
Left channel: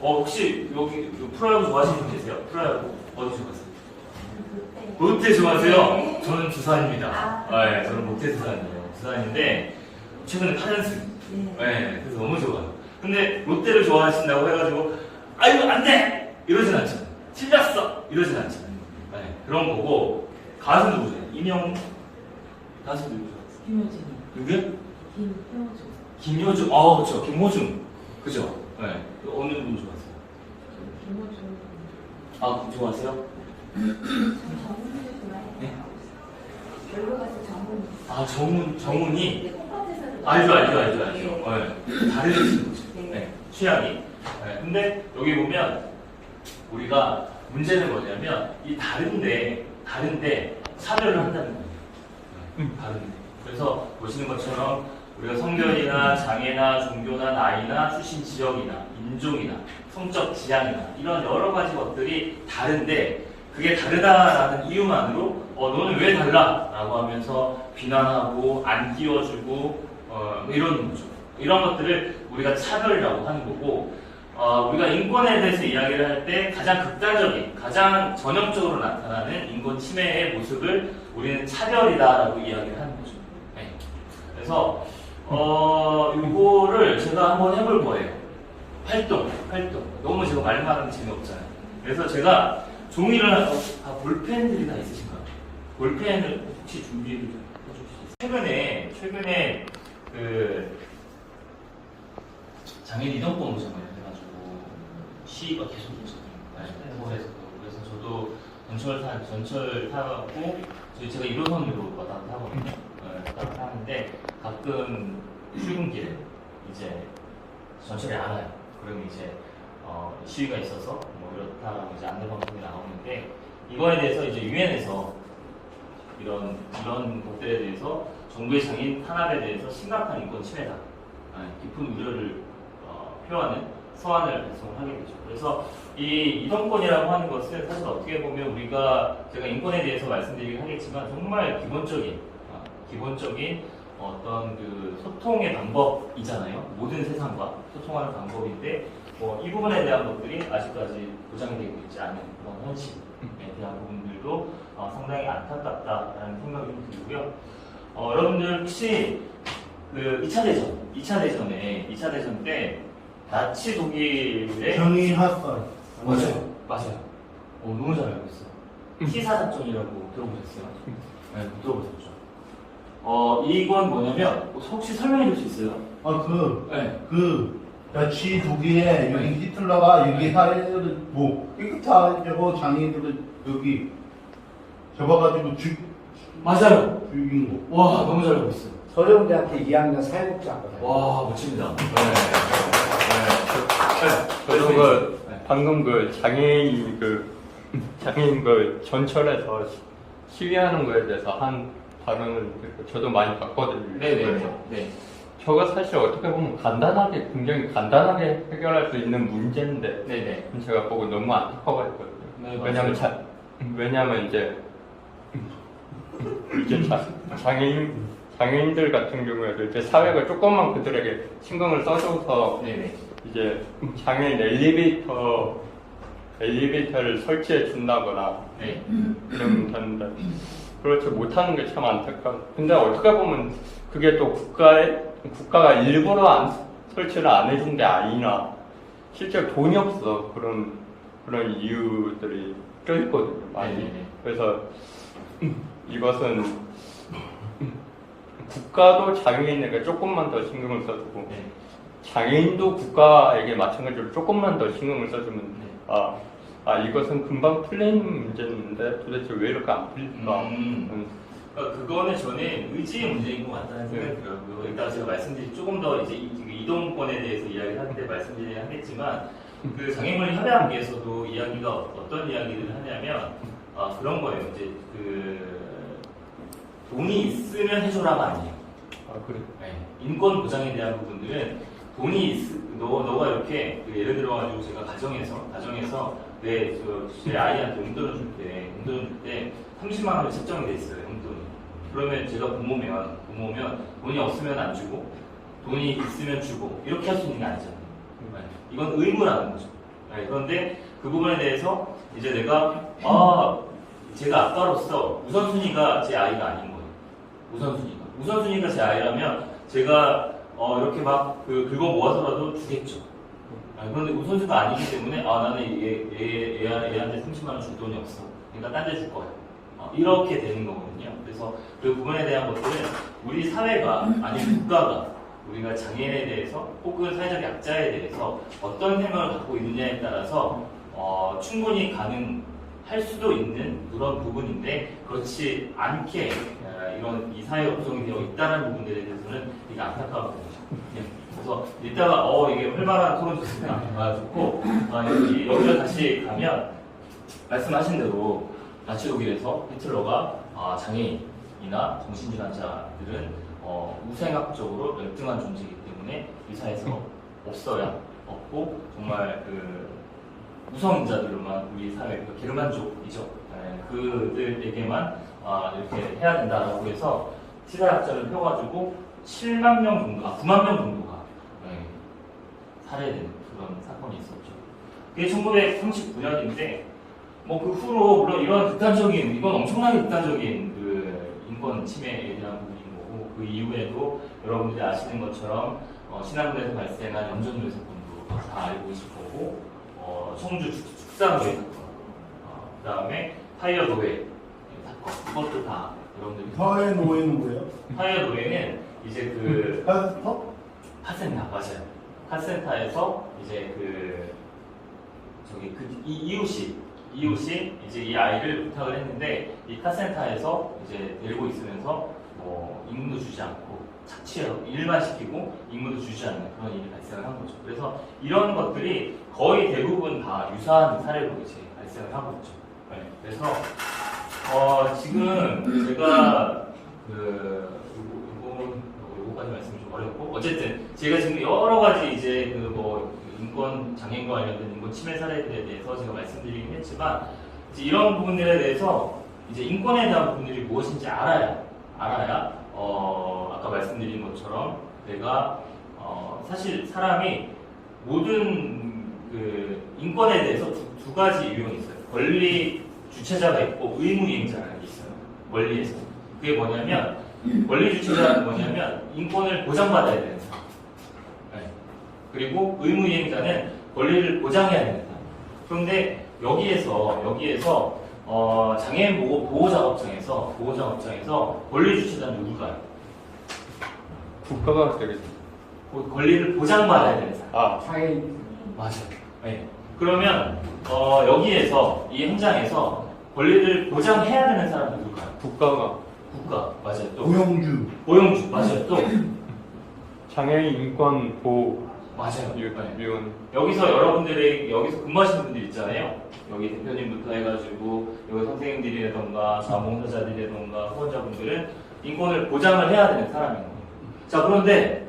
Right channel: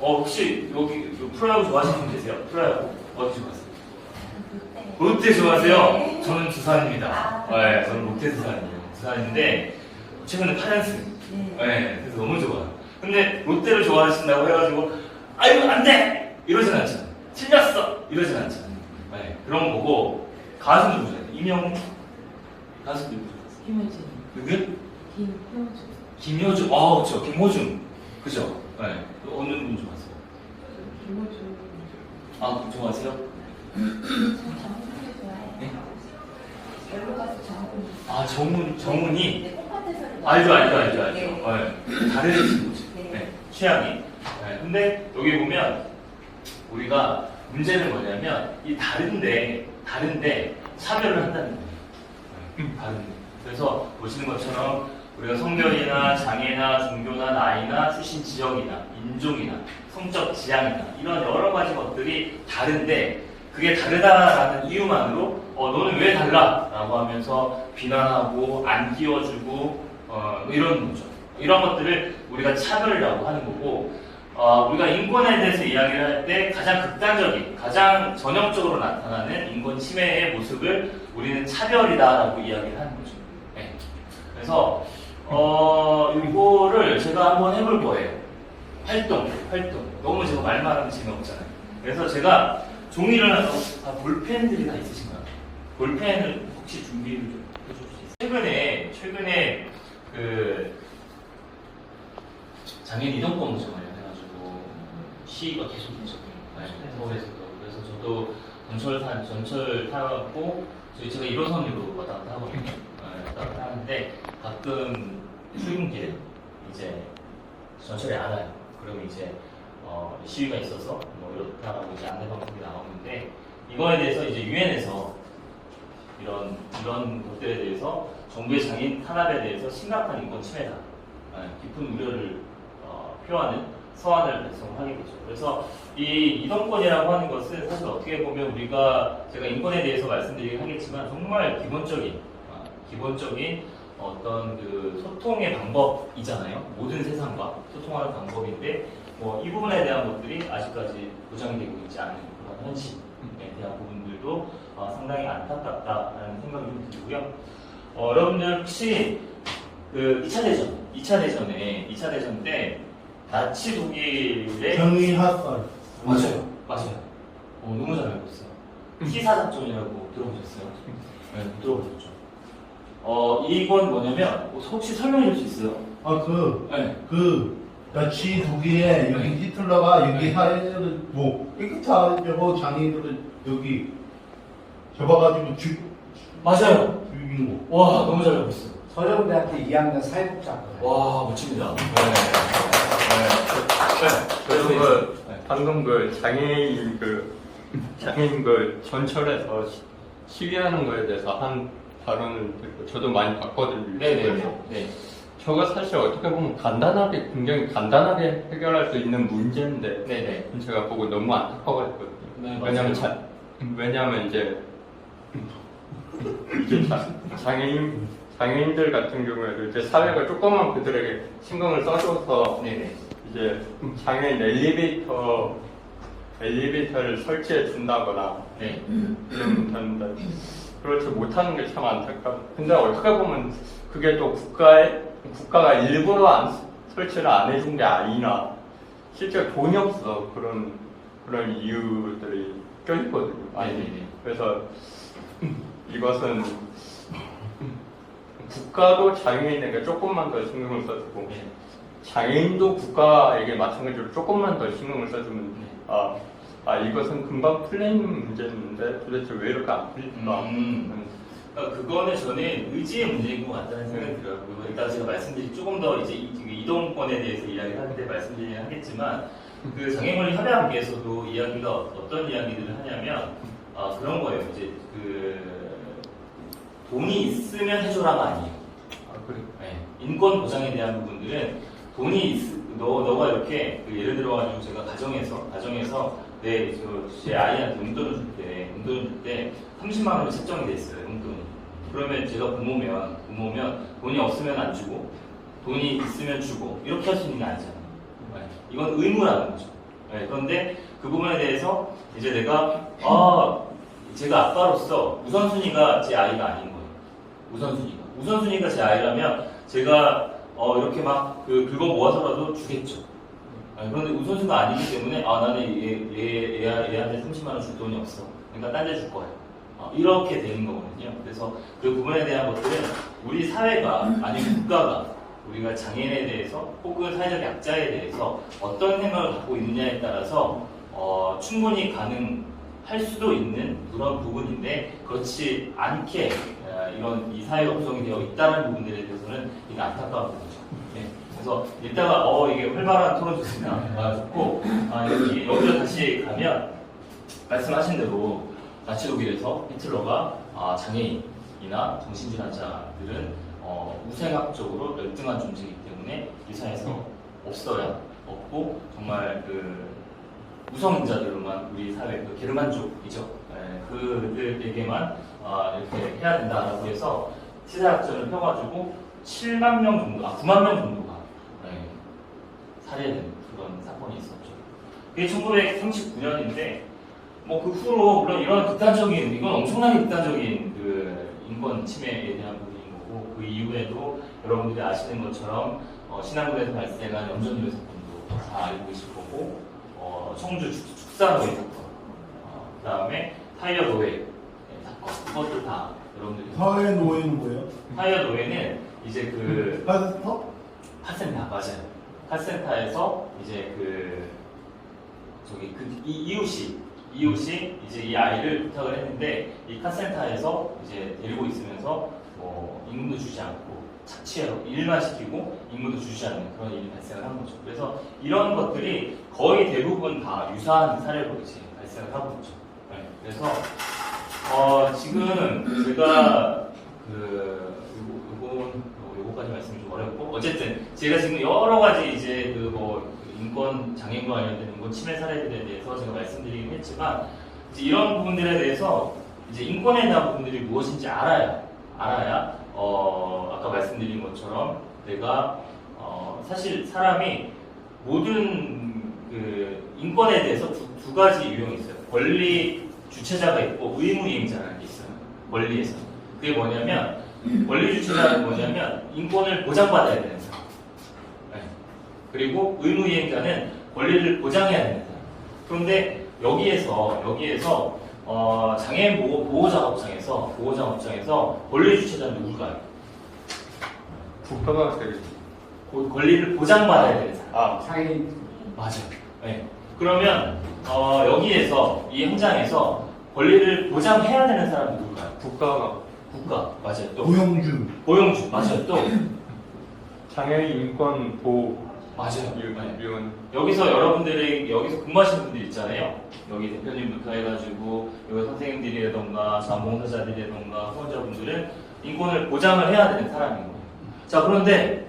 혹시 여기 프로야구 좋아하시는 분 계세요? 프로야구 어디 좋아하세요? 롯데 좋아하세요? 저는 두산입니다. 네, 저는 롯데 두산이에요. 두산인데 최근에 8연승. 네, 그래서 너무 좋아요. 근데 롯데를 좋아하신다고 해가지고 아이고 안 돼! 이러진 않잖아요. 틀렸어! 이러진 않잖아요. 네, 그런 거고 가수 누구죠? 이명웅? 가수 누구죠? 김효준. 누구요? 김효준. 김효준. 그렇죠. 김호중. 그죠? 네. 어느 분 좋아하세요? 김효준. 좋아하세요? 장훈이도 좋아해요. 열로 가서 장훈이. 정훈이? 네, 콩팥에서. 알죠. 네. 네. 다른 친구죠. 네. 네. 취향이. 네. 근데 여기 보면 우리가 문제는 뭐냐면 이 다른데 차별을 한다는 거예요. 다른데. 그래서 보시는 것처럼 우리가 성별이나 장애나 종교나 나이나 출신 지역이나 인종이나 성적 지향이나 이런 여러 가지 것들이 다른데 그게 다르다라는 이유만으로 너는 왜 달라? 라고 하면서 비난하고 안 끼워주고 이런 거죠. 이런 것들을 우리가 차별이라고 하는 거고 우리가 인권에 대해서 이야기를 할 때 가장 극단적인, 가장 전형적으로 나타나는 인권 침해의 모습을 우리는 차별이다라고 이야기를 하는 거죠. 네. 그래서 이거를 제가 한번 해볼 거예요. 활동. 너무 제가 말만 하면 재미없잖아요. 그래서 제가 종이를 하나 볼펜들이 다 있으신가요? 볼펜을 혹시 준비해 주실 수 있어요? 최근에 그 장애인 이동권 정을 해가지고 시위가 계속 있었거든요. 서울에서도. 그래서 저도 전철 타고 제가 1호선으로 왔다 갔다 하거든요. 왔다 갔다 하는데 가끔 출근길에 이제 전철이 안 와요. 그러면 이제 시위가 있어서 뭐 이렇다라고 이제 안내 방송이 나오는데 이거에 대해서 이제 유엔에서 이런 것들에 대해서 정부의 장애인 탄압에 대해서 심각한 인권 침해다, 깊은 우려를 표하는 서한을 발송하게 되죠. 그래서 이 이동권이라고 하는 것은 사실 어떻게 보면 제가 인권에 대해서 말씀드리긴 하겠지만 정말 기본적인 어떤 그 소통의 방법이잖아요. 모든 세상과 소통하는 방법인데 이 부분에 대한 것들이 아직까지 보장이 되고 있지 않은 그런 현실에 대한 부분들도 상당히 안타깝다라는 생각이 들고요. 여러분들 혹시 그 2차 대전 때 나치 독일의 경의하선. 맞아요. 너무 잘 알고 있어요. T사 작전이라고 들어보셨어요? 네, 들어보셨죠. 이건 뭐냐면 혹시 설명해 줄 수 있어요? 나치 독일에 여기 히틀러가 여기 이게 다 이제 뭐 장애인들 여기 잡아가지고 맞아요. 죽인 거. 와, 너무 잘 알고 있어요. 서령대학교 2학년 사회복지학과예요. 와, 멋집니다. 그리고 방금 장애인 전철에서 시위하는 거에 대해서 한 발언을 듣고 저도 많이 봤거든요. 네네. 유튜브에서. 네. 저거 사실 어떻게 보면 굉장히 간단하게 해결할 수 있는 문제인데 네네. 제가 보고 너무 안타까워했거든요. 네, 왜냐면 이제 이게 장애인들 같은 경우에도 이제 사회가 조금만 그들에게 신경을 써줘서 네네. 이제 장애인 엘리베이터를 설치해 준다거나 네. 이러면 되는데 그렇지 못하는 게 참 안타깝고 근데 어떻게 보면 그게 또 국가가 일부러 설치를 안 해준 게 아니라 실제 돈이 없어 그런 이유들이 껴있거든요. 네네네. 그래서 이것은 국가도 장애인에게 조금만 더 신경을 써주고 네. 장애인도 국가에게 마찬가지로 조금만 더 신경을 써주면 이것은 금방 풀리는 문제인데 도대체 왜 이렇게 안 풀릴까? 그러니까 그거는 저는 의지의 문제인 것 같다는 생각이 들어요. 일단 제가 말씀드린 조금 더 이제 이동권에 대해서 이야기를 할 때 말씀드리긴 하겠지만 그 장애물리 협약에서도 이야기가 어떤 이야기들을 하냐면 그런 거예요. 이제 그 돈이 있으면 해줘라가 아니에요. 네. 인권 보장에 대한 부분들은 너가 이렇게 예를 들어가지고 제가 가정에서 제 아이한테 용돈을 줄 때 30만 원이 책정이 돼 있어요. 용돈이. 그러면 제가 부모면 돈이 없으면 안 주고 돈이 있으면 주고 이렇게 할 수 있는 게 아니잖아요. 네. 이건 의무라는 거죠. 네. 그런데 그 부분에 대해서 이제 제가 아빠로서 우선순위가 제 아이가 아닌 거예요. 우선순위가 제 아이라면 제가 이렇게 막 긁어 모아서라도 주겠죠. 그런데 우선순위가 아니기 때문에 나는 얘한테 30만 원 줄 돈이 없어. 그러니까 딴 데 줄 거야. 이렇게 되는 거거든요. 그래서 그 부분에 대한 것들은 우리 사회가 아니면 국가가 우리가 장애인에 대해서 혹은 사회적 약자에 대해서 어떤 생각을 갖고 있느냐에 따라서 충분히 가능할 수도 있는 그런 부분인데 그렇지 않게 이 사회가 구성이 되어 있다는 부분들에 대해서는 이게 안타까운 거죠. 네. 그래서 이따가 이게 활발한 토론 좋습니다. 좋고 여기로 다시 가면 말씀하신 대로 나치 독일에서 히틀러가 장애인이나 정신질환자들은 우생학적으로 열등한 존재이기 때문에 이 사회에서 없고 정말 우성인자들로만 우리 사회 게르만족이죠. 그들에게만 이렇게 해야 된다라고 해서 시사약전을 펴가지고 7만 명 정도, 9만 명 정도가 살해된 그런 사건이 있었죠. 그게 1939년인데 그 후로 물론 이건 엄청나게 극단적인 인권 침해에 대한 부분인 거고 그 이후에도 여러분들이 아시는 것처럼 신안군에서 발생한 염전노예 사건도 다 알고 계실 거고 청주 축산노예 사건, 그 다음에 타이어 노예 사건 그것도 다 여러분들이 사회 노예는 뭐예요? 타이어 노예는 이제 카센터 맞아요. 카센터에서 이제 이웃이 이제 이 아이를 부탁을 했는데 이 카센터에서 이제 데리고 있으면서 임금도 주지 않고 착취하고 일만 시키고 임금도 주지 않는 그런 일이 발생을 한 거죠. 그래서 이런 것들이 거의 대부분 다 유사한 사례로 이제 발생을 하고 있죠. 네. 그래서 지금 제가 요거까지 말씀이 좀 어렵고 어쨌든 제가 지금 여러 가지 이제 인권 장애인과 관련된 인권 침해 사례들에 대해서 제가 말씀드리긴 했지만 이제 이런 부분들에 대해서 이제 인권에 대한 부분들이 무엇인지 알아야 아까 말씀드린 것처럼 내가 사실 사람이 모든 인권에 대해서 두 가지 유형이 있어요. 권리 주체자가 있고 의무 이행자라는 게 있어요. 권리에서 그게 뭐냐면 권리 주체자는 뭐냐면 인권을 보장받아야 되는 사람. 그리고 의무 이행자는 권리를 보장해야 되는 사람. 그런데 여기에서 장애인 보호작업장에서 권리 주체자는 누굴까요? 국가가 되겠죠. 권리를 보장받아야 되는 사람. 장애인 맞아요. 네. 그러면 여기에서 이 현장에서 권리를 보장해야 되는 사람이 누굴까요? 국가가 국가 맞아요. 또 고용주. 고용주 맞아요. 또 장애인 인권 보호 맞아요. 네. 위원 여기서 여러분들이 여기서 근무하시는 분들 있잖아요. 여기 대표님부터 해가지고 여기 선생님들이라던가 자원봉사자들이라던가 후원자분들은 인권을 보장을 해야 되는 사람입니다. 자 그런데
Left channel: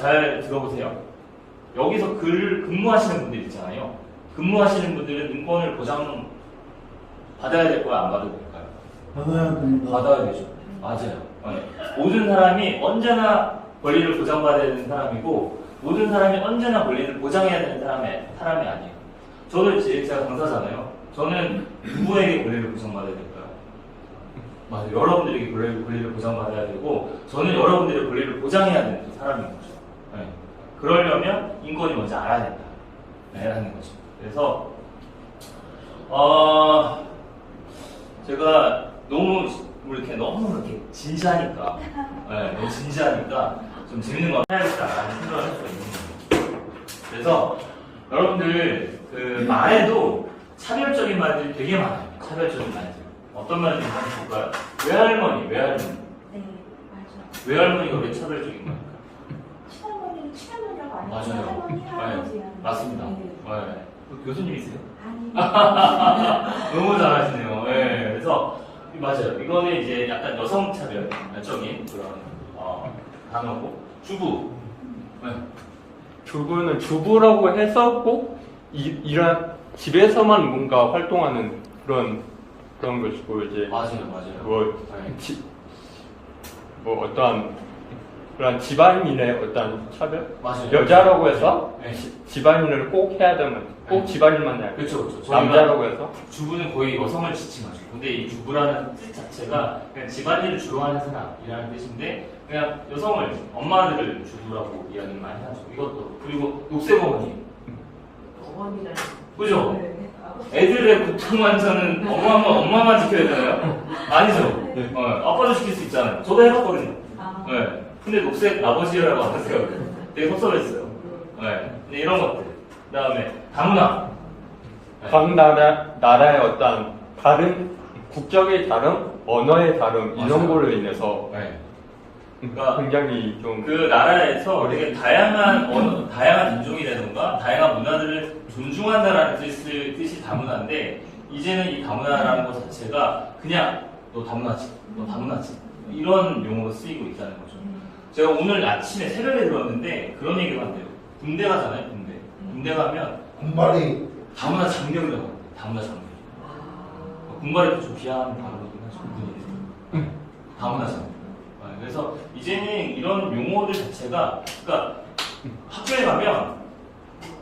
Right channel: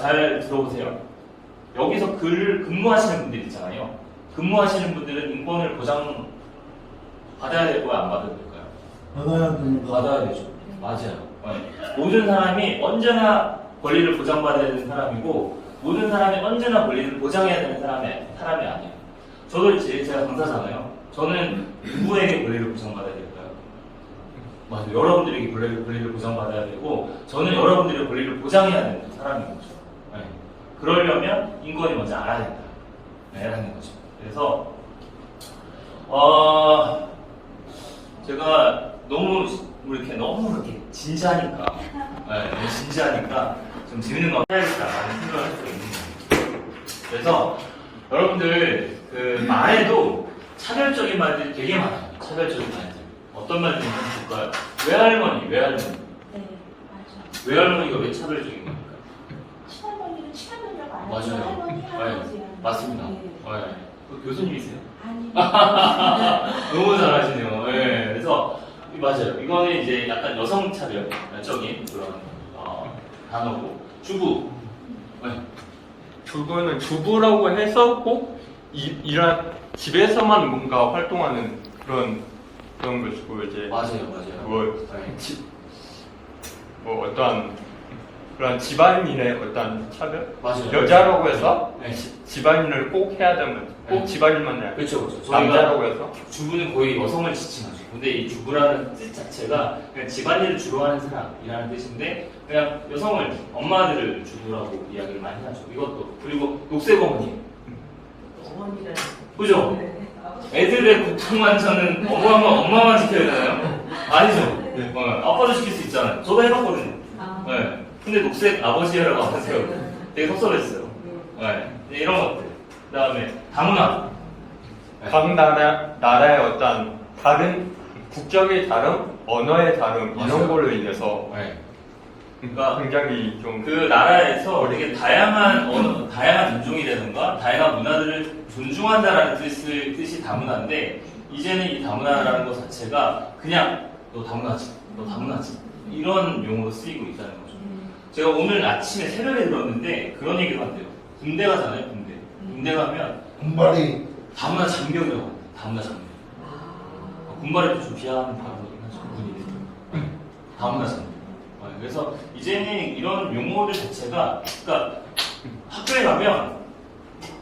잘 들어보세요. 여기서 근무하시는 분들 있잖아요. 근무하시는 분들은 인권을 보장 받아야 될 거야 안 받아도 될까요? 받아야 됩니다. 받아야 되죠. 맞아요. 네. 모든 사람이 언제나 권리를 보장받아야 되는 사람이고 모든 사람이 언제나 권리를 보장해야 되는 사람이 아니에요. 저도 이제 제가 강사잖아요. 저는 누구에게 권리를 보장받아야 될까요? 맞아요. 여러분들에게 권리를 보장받아야 되고 저는 여러분들의 권리를 보장해야 되는 사람인 거죠. 네. 그러려면 인권이 먼저 알아야 된다. 네, 라는 거죠. 그래서 제가 너무 이렇게 진지하니까 너무 진지하니까 좀 재밌는 거 해야겠다라는 생각을 했어요. 그래서 여러분들 그 말에도 차별적인 말들이 되게 많아요. 차별적인 말들. 어떤 말들이 많이 볼까요? 외할머니. 네, 맞아. 외할머니가 왜 차별적인 거예요? 친할머니는 친할머니라고 안 하고 맞아요. 할머니, 할아버지. 네, 맞습니다. 네. 네. 그 교수님이세요? 아니. 너무 잘하시네요. 네. 그래서 맞아요. 이거는 이제 약간 여성 차별적인 그런 단어고 주부. 네. 주부는 주부라고 해서 꼭 이런 집에서만 뭔가 활동하는 그런 것이고 이제 맞아요. 뭐, 네. 뭐 어떤 그런 집안일의 어떤 차별 맞아요. 여자라고 해서 네. 집안일을 꼭 해야 되면 꼭 네. 집안일만 해야 돼. 그렇죠. 남자라고 해서 주부는 거의 여성을 지칭하죠. 근데 이 주부라는 뜻 자체가 그냥 집안일을 주로 하는 사람이라는 뜻인데 그냥 여성을 엄마들을 주부라고 이야기를 많이 하죠. 이것도 그리고 녹색어머니 어머니는. 그죠? 네. 애들의 고통만 저는 엄마만 지켜야 되나요? 아니죠. 아빠도 지킬 수 있잖아요. 저도 해봤거든요. 아. 네. 근데 녹색 아버지라고 하세요. 되게 섭섭했어요. 네. 이런 것들. 그 다음에 다문화. 각 나라의 어떤 다른 국적의 다름, 언어의 다름 맞아요. 이런 걸로 인해서 네. 그러니까 굉장히 좀 그 나라에서 되게 다양한 언어, 다양한 인종이라든가 다양한 문화들을 존중한다라는 뜻이 다문화인데 이제는 이 다문화라는 것 자체가 그냥 너 다문화지 이런 용어로 쓰이고 있다는 거죠. 제가 오늘 아침에 새벽에 들었는데 그런 얘기를 한대요. 군대 가잖아요, 군대. 군대 가면 군발이 다문화 장병이라고 합니다. 다문화 장병. 군발이 좀 비하하는 발언이긴 하죠. 군인들. 다문화 장병. 그래서 이제는 이런 용어들 자체가, 그러니까 학교에 가면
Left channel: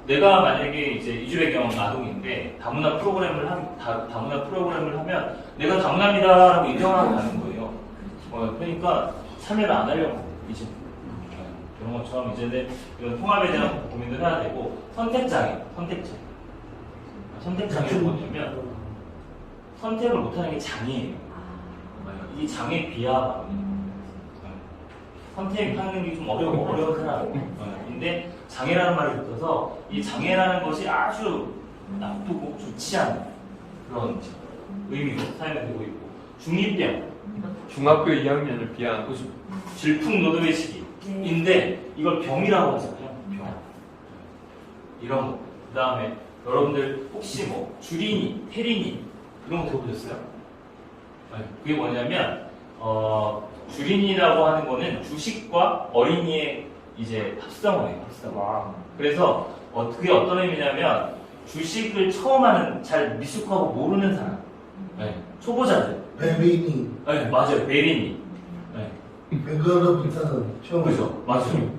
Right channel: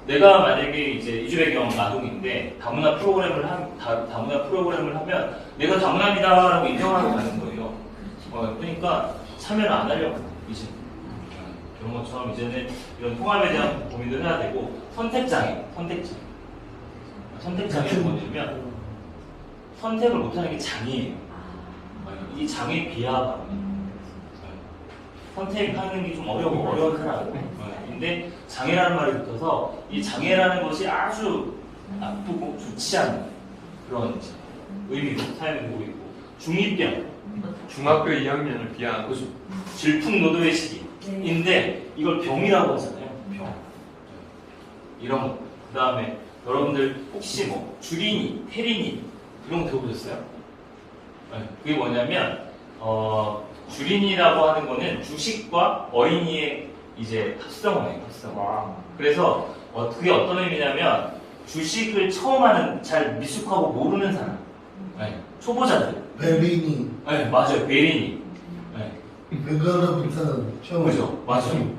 내가 만약에 이제 이주배경 아동인데 다문화 프로그램을 하면 내가 다문화입니다라고 인정하고 가는 거예요. 그러니까 참여를 안 하려고 합니다. 이제 그런 것처럼 이제는 이런 통합에 대한 고민도 해야 되고 선택장애 뭐냐면 선택을 못하는 게 장애예요. 이 장애 비하거든요. 선택하는 게 좀 어려운 사람. 근데 장애라는 말이 붙어서 이 장애라는 것이 아주 나쁘고 좋지 않은 그런 의미로 사용되고 있고 중이병 중학교 2학년을 비한 질풍노도의 시기인데 이걸 병이라고 하잖아요. 병. 이런 거. 그 다음에 여러분들 혹시 뭐 주린이, 태린이 이런 거 들어보셨어요? 네. 그게 뭐냐면 주린이라고 하는 거는 주식과 어린이의 이제 합성어예요. 합성어. 그래서 그게 어떤 의미냐면 주식을 처음 하는 잘 미숙하고 모르는 사람, 네. 초보자들. 배민이 네, 맞아요. 베린이. 네. 배가로부터는 처음. 그죠? 맞아요.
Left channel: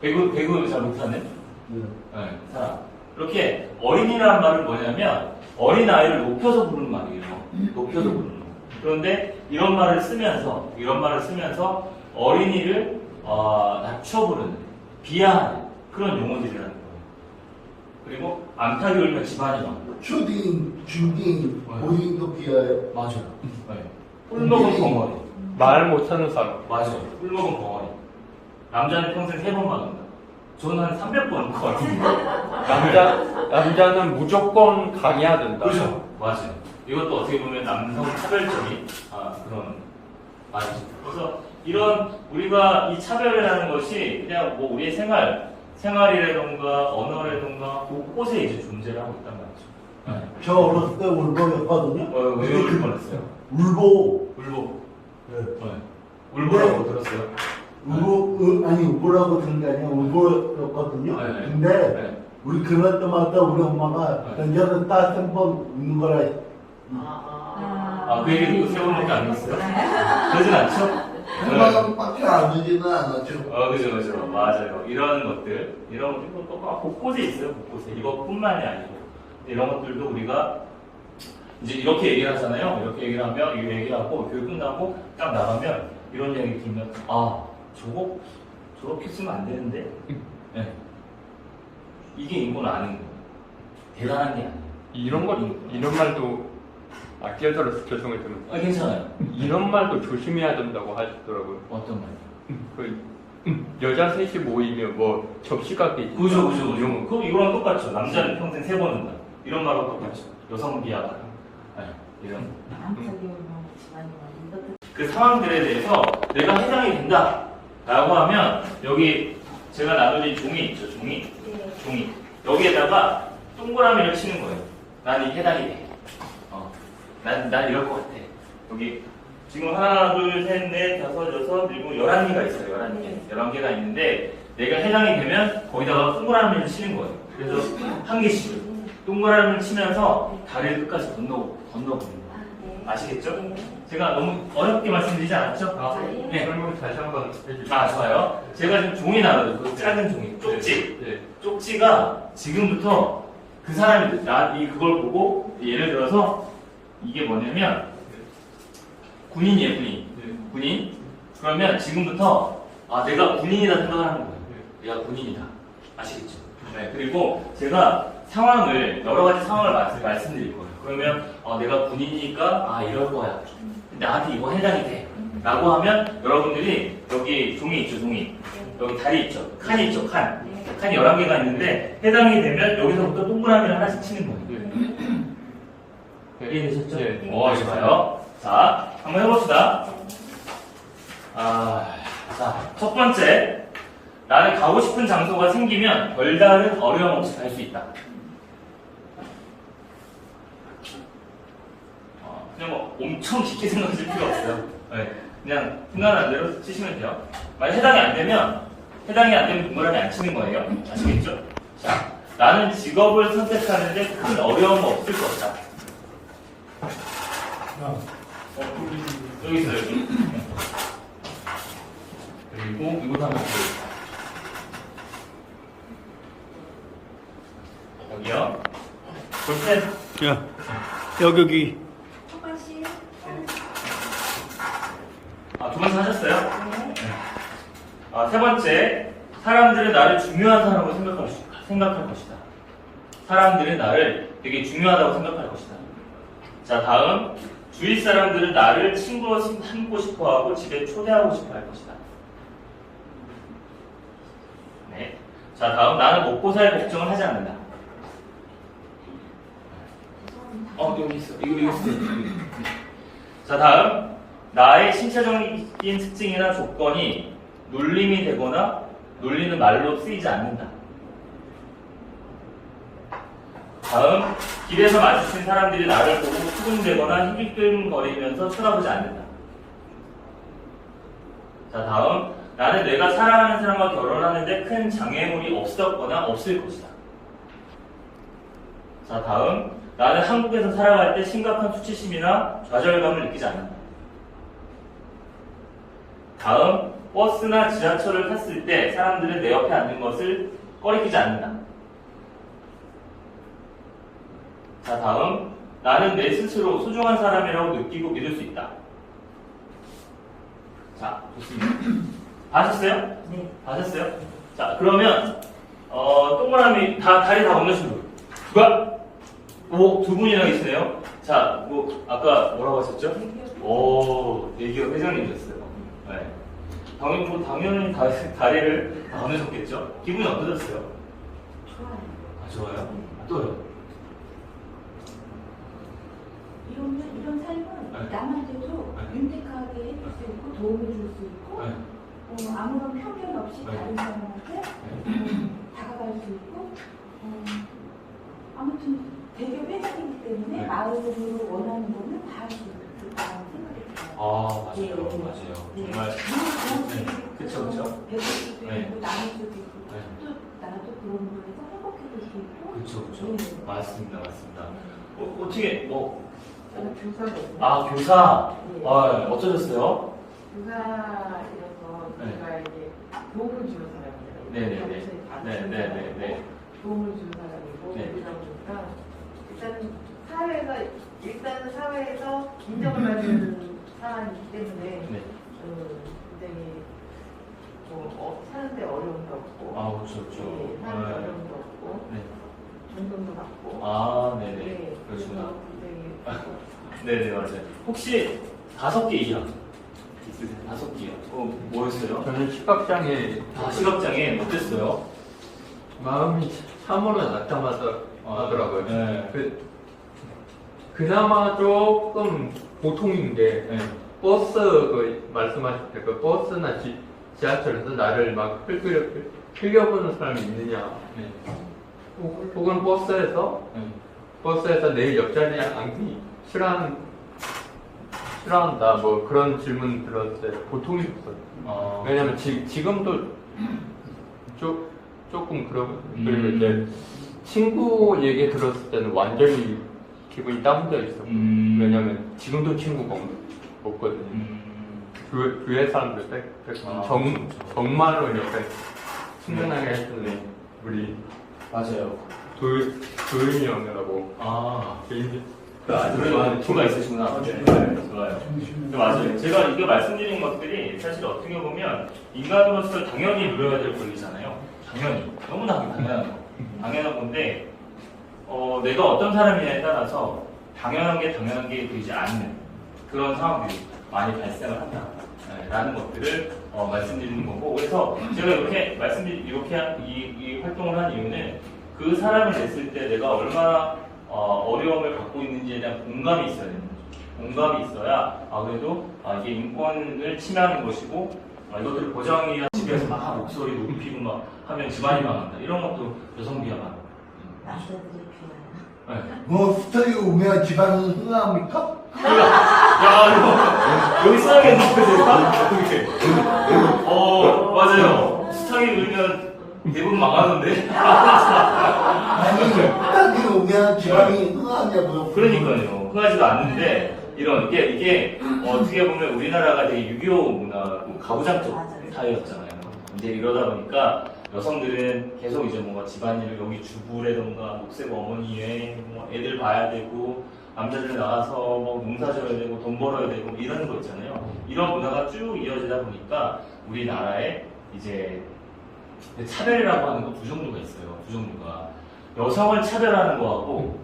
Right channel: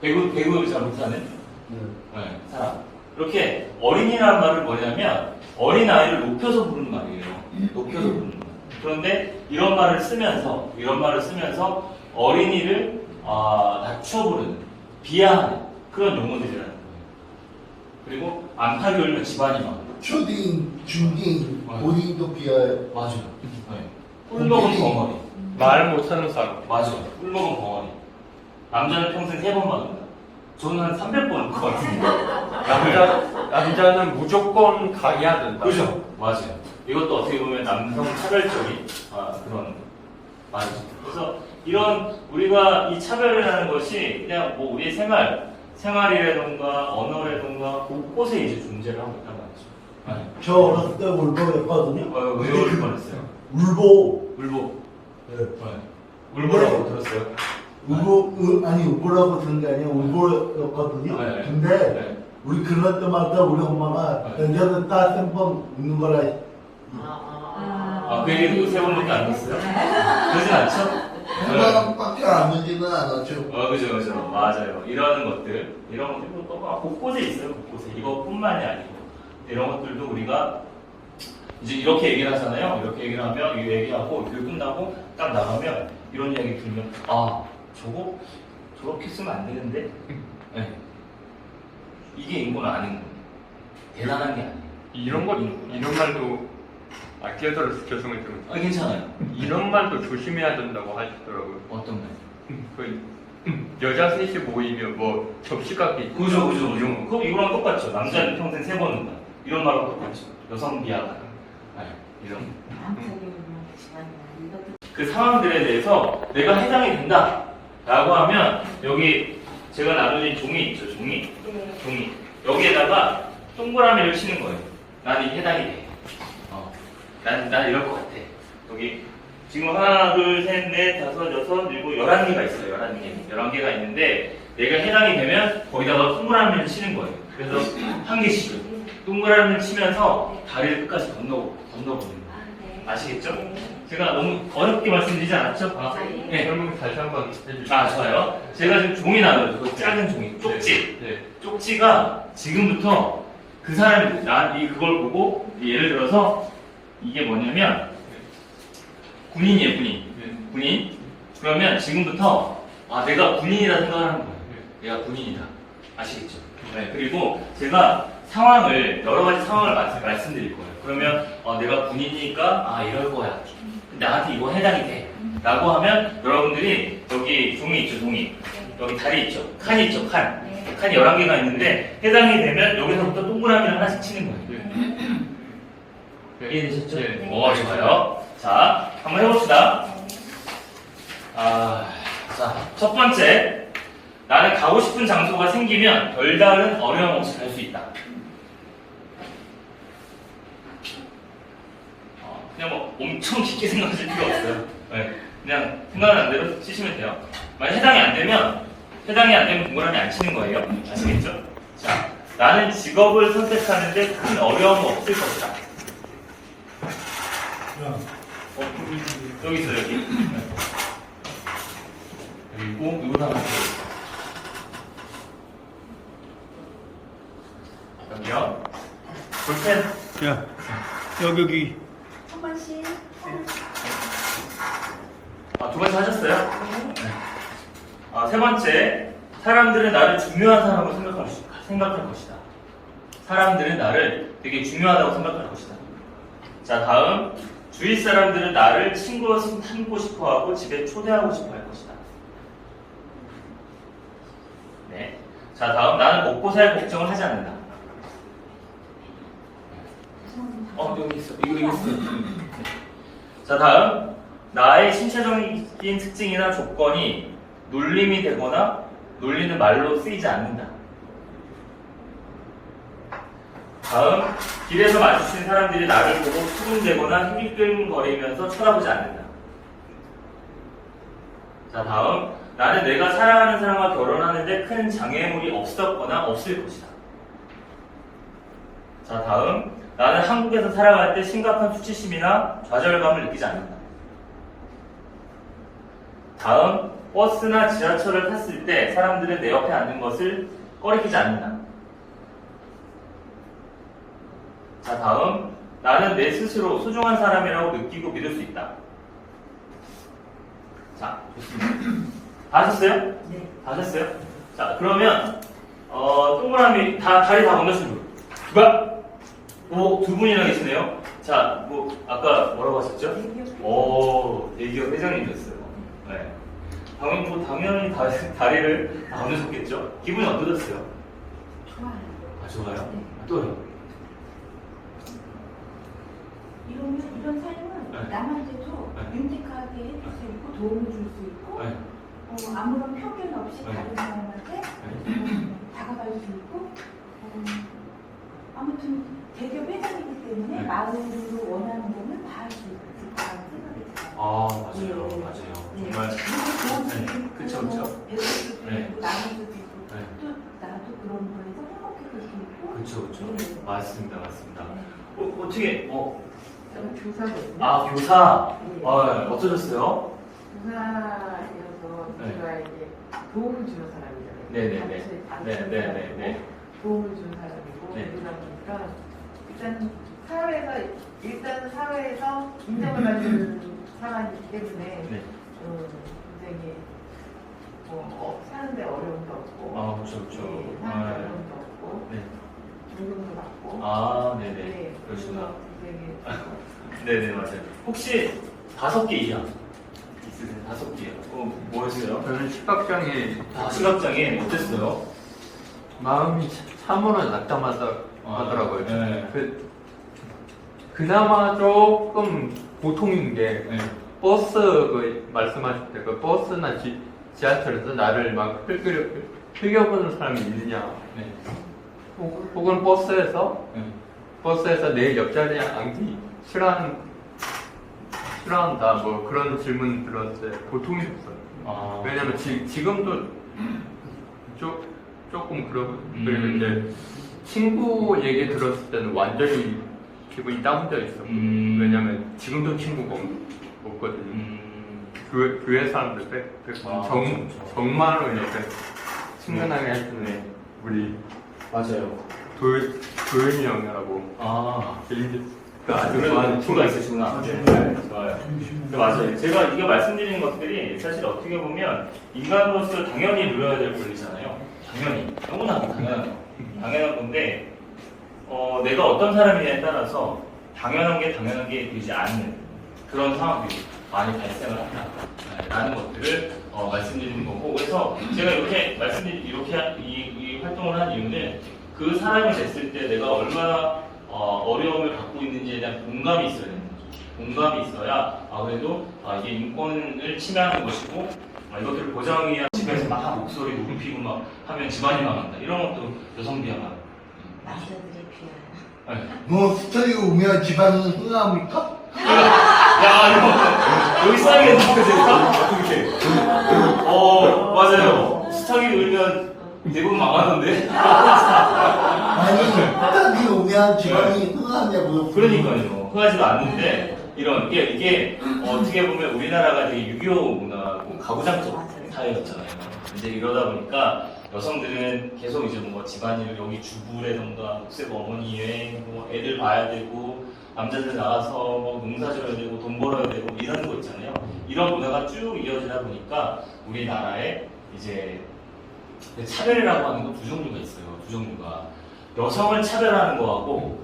배구 잘 못하는 네, 사람. 이렇게 어린이라는 말은 뭐냐면 어린아이를 높여서 부르는 말이에요. 높여서 부르는 말. 그런데 이런 말을 쓰면서 어린이를 낮춰 부르는 비하하는 그런 용어들이라는 거예요. 그리고 암탉이 울면 집안이 막 초딩, 중딩, 맞아. 고딩도 비하해. 맞아요. 네. 꿀먹은 벙어리. 말 못하는 사람 맞아요. 꿀먹은 벙어리. 남자는 평생 3번만 온다. 저는 한 300번 올 것 같은데. 남자는 무조건 강해야 된다. 그죠? 맞아요. 이것도 어떻게 보면 남성 차별적인 그런 말이죠. 그래서 이런 우리가 이 차별을 하는 것이 그냥 뭐 우리의 생활이라던가 언어라던가 곳곳에 이제 존재를 하고 있다는 거죠. 저 어렸을 때 울보였거든요. 왜 그럴 뻔했어요? 울보. 울보. 네. 울보라고 들었어요? 아니 울보라고 들은 게 아니라 울보였거든요. 네. 근데 네. 우리 그럴 때마다 우리 엄마가 네. 여자는 따뜻한 번 웃는 거라. 그 얘기 세 번밖에 안 했어요? 그러진 않죠? 한번밖에 안 되지는 않았죠. 그죠. 맞아요. 이런 것들이 또 곳곳에 있어요, 곳곳에. 이것뿐만이 아니고. 이런 것들도 우리가 이제 이렇게 얘기를 하잖아요. 이렇게 얘기를 하면, 이 얘기하고, 그 끝나고, 딱 나가면, 이런 얘기 들으면, 저거, 저렇게 쓰면 안 되는데? 네. 이게 인권 아닌 거예요. 대단한 게 아니에요. 이런 말도 끼어들어서 죄송했던 거. 괜찮아요. 이런 말도 조심해야 된다고 하시더라고요. 어떤 말? 여자 셋이 모이면 뭐 접시값이 그죠. 이런 거. 그럼 이거랑 똑같죠. 남자는 평생 3번 운다. 이런 말하고 똑같죠. 여성 비하가. 이런 거. 그 상황들에 대해서 내가 해당이 된다 라고 하면 여기 제가 나누는 종이 있죠. 종이. 여기에다가 동그라미를 치는 거예요. 나는 해당이 돼. 난 이럴 것 같아. 여기 지금 하나, 둘, 셋, 넷, 다섯, 여섯, 일곱, 11개가 있어요. 11개가 있는데 내가 해당이 되면 거기다가 동그라미를 치는 거예요. 그래서 한 개씩 동그라미를 치면서 다리를 끝까지 건너보는 거예요. 아시겠죠? 제가 너무 어렵게 말씀드리지 않았죠? 네. 설명 다시 한번 해주시죠. 좋아요. 제가 지금 종이 나눠요. 그 작은 종이. 쪽지. 쪽지가 지금부터 그 사람이 그걸 보고 예를 들어서 이게 뭐냐면 군인이에요, 군인. 그러면 지금부터 내가 군인이다 생각하는 거예요. 내가 군인이다. 아시겠죠? 네. 그리고 제가 여러 가지 상황을 말씀드릴 거예요. 그러면 내가 군인이니까 이럴 거야. 나한테 이거 해당이 돼. 라고 하면 여러분들이 여기 종이 있죠, 종이. 여기 다리 있죠, 칸이 있죠, 칸. 칸이 11개가 있는데 해당이 되면 여기서부터 동그라미를 하나씩 치는 거예요. 이해되셨죠? 네. 좋아요. 자, 한번 해봅시다. 첫 번째. 나는 가고 싶은 장소가 생기면 별다른 어려움 없이 갈 수 있다. 그냥 뭐 엄청 깊게 생각하실 필요 없어요. 네. 그냥 생각나는 대로 치시면 돼요. 만약 해당이 안 되면 동그라미 안 치는 거예요. 아시겠죠? 자, 나는 직업을 선택하는데 큰 어려움은 없을 것이다. 여기 있어요, 여기. 그리고 이거 하나 더. 여기요. 볼펜. 야, 여기. 한 번씩. 두 번째 하셨어요? 네. 세 번째. 사람들은 나를 중요한 사람으로 생각할 것이다. 사람들은 나를 되게 중요하다고 생각할 것이다. 자, 다음. 주위 사람들은 나를 친구로 삼고 싶어 하고 집에 초대하고 싶어 할 것이다. 네. 자, 다음. 나는 먹고 살 걱정을 하지 않는다. 여기 있어. 이거 있어. 자, 다음. 나의 신체적인 특징이나 조건이 놀림이 되거나 놀리는 말로 쓰이지 않는다. 다음. 길에서 마주친 사람들이 나를 보고 수군대거나 힐끔거리면서 쳐다보지 않는다. 자, 다음. 나는 내가 사랑하는 사람과 결혼하는데 큰 장애물이 없었거나 없을 것이다. 자, 다음. 나는 한국에서 살아갈 때 심각한 수치심이나 좌절감을 느끼지 않는다. 다음. 버스나 지하철을 탔을 때 사람들은 내 옆에 앉는 것을 꺼리키지 않는다. 자, 다음. 나는 내 스스로 소중한 사람이라고 느끼고 믿을 수 있다. 자, 좋습니다. 다 하셨어요? 네. 다 하셨어요? 자, 그러면 동그라미 다리 다 건너신 분. 누가? 두 분이나 계시네요. 자, 아까 뭐라고 하셨죠? 대기업 회장님 됐어요. 네. 당연히 다리를 다 건너셨겠죠? 기분이 어떠셨어요? 좋아요. 아, 좋아요. 또요? 이런 삶은 네. 남한테도 네. 윤택하게 해줄 수 있고 도움을 줄 수 있고 네. 아무런 편견 없이 네. 다른 사람한테 네. 다가갈 수 있고 아무튼 되게 회장이기 때문에 네. 마음으로 원하는 거는 다 할 수 있다는 생각이 들어요. 아, 맞아요. 예. 맞아요. 예. 정말. 도울 수도 네. 있고 그쵸, 그쵸. 배울 수도 네. 있고 나눌 수도 있고 네. 또 나도 그런 거에서 행복해질 수 있고 그쵸, 그쵸. 예. 맞습니다. 맞습니다. 어떻게, 저는 교사거든요. 아, 교사. 네. 아, 어떠셨어요? 교사여서 네. 제가 이게 도움을 주는 사람이잖아요. 네네네. 가르치는 네네네. 사람이고 도움을 주는 사람이고 네. 그러다 보니까 일단 사회에서 인정을 받는 사람이기 때문에 네. 굉장히 사는데 어려움도 없고 아, 그쵸, 그쵸. 네, 사는데 어려움도 없고 네. 존경도 받고 아, 네네. 네, 그러시구나. 그래서 굉장히 네네, 맞아요. 혹시 5개 이상 있으세요? 5개요? 뭐였어요? 저는 시각장애 아, 시각장애 어땠어요? 마음이 참으로 낙담하더라고요. 네. 그나마 조금 보통인데 네. 버스 말씀하실 때 그 버스나 지하철에서 나를 막 흘겨보는 사람이 있느냐? 네. 혹은 버스에서 내 옆자리에 앉기 싫어한다 뭐 그런 질문 들었을 때 고통이 없어요. 아, 왜냐면 지금도 조금 그런데 친구 얘기 들었을 때는 완전히 기분이 다운되어 있어. 왜냐면 지금도 친구가 없거든요. 교회 사람들 정말로 이렇게 친근하게 해주는 우리 맞아요. 도현이 형이라고 아, 제이드가 아주 좋아하는 친구가 친구가 있으시구나. 네, 좋아요. 맞아요. 제가 이게 말씀드린 것들이 사실 어떻게 보면 인간으로서 당연히 누려야 될 권리잖아요. 당연히. 너무나도 당연한 건데, 내가 어떤 사람이냐에 따라서 당연한 게 되지 않는 그런 상황들이 많이 발생을 한다. 네, 라는 것들을 말씀드리는 거고, 그래서 제가 이렇게 이 활동을 한 이유는 그 사람을 냈을 때 내가 얼마나 어려움을 갖고 있는지에 대한 공감이 있어야 되는 거죠. 공감이 있어야 그래도 이게 인권을 침해하는 것이고 이것들을 보장해야 집에서 막 목소리 높이고 막 하면 집안이 망한다. 이런 것도 여성 비하가. 남자들이 필요해. 네. 뭐 스터디 오면 집안은 흥합니까? 야, 이거 여기 싸게 맞아요. 스타게 울면 대부분 망하던데. 아니 스터디 오면 집안이 흥하냐고. 그러니까요. 흥하지가 않는데 이게 어떻게 보면 우리나라가 되게 6.25 문화고 가부장적 사회였잖아요. 이제 이러다 보니까 여성들은 계속 이제 뭔가 집안일 여기 주부라던가 목세 어머니에 뭐 애들 봐야 되고 남자들 나가서 뭐 농사 지어야 되고 돈 벌어야 되고 이러는 거 있잖아요. 이런 문화가 쭉 이어지다 보니까 우리나라에 이제 차별이라고 하는 거 두 종류가 있어요. 두 종류가 여성을 차별하는 거하고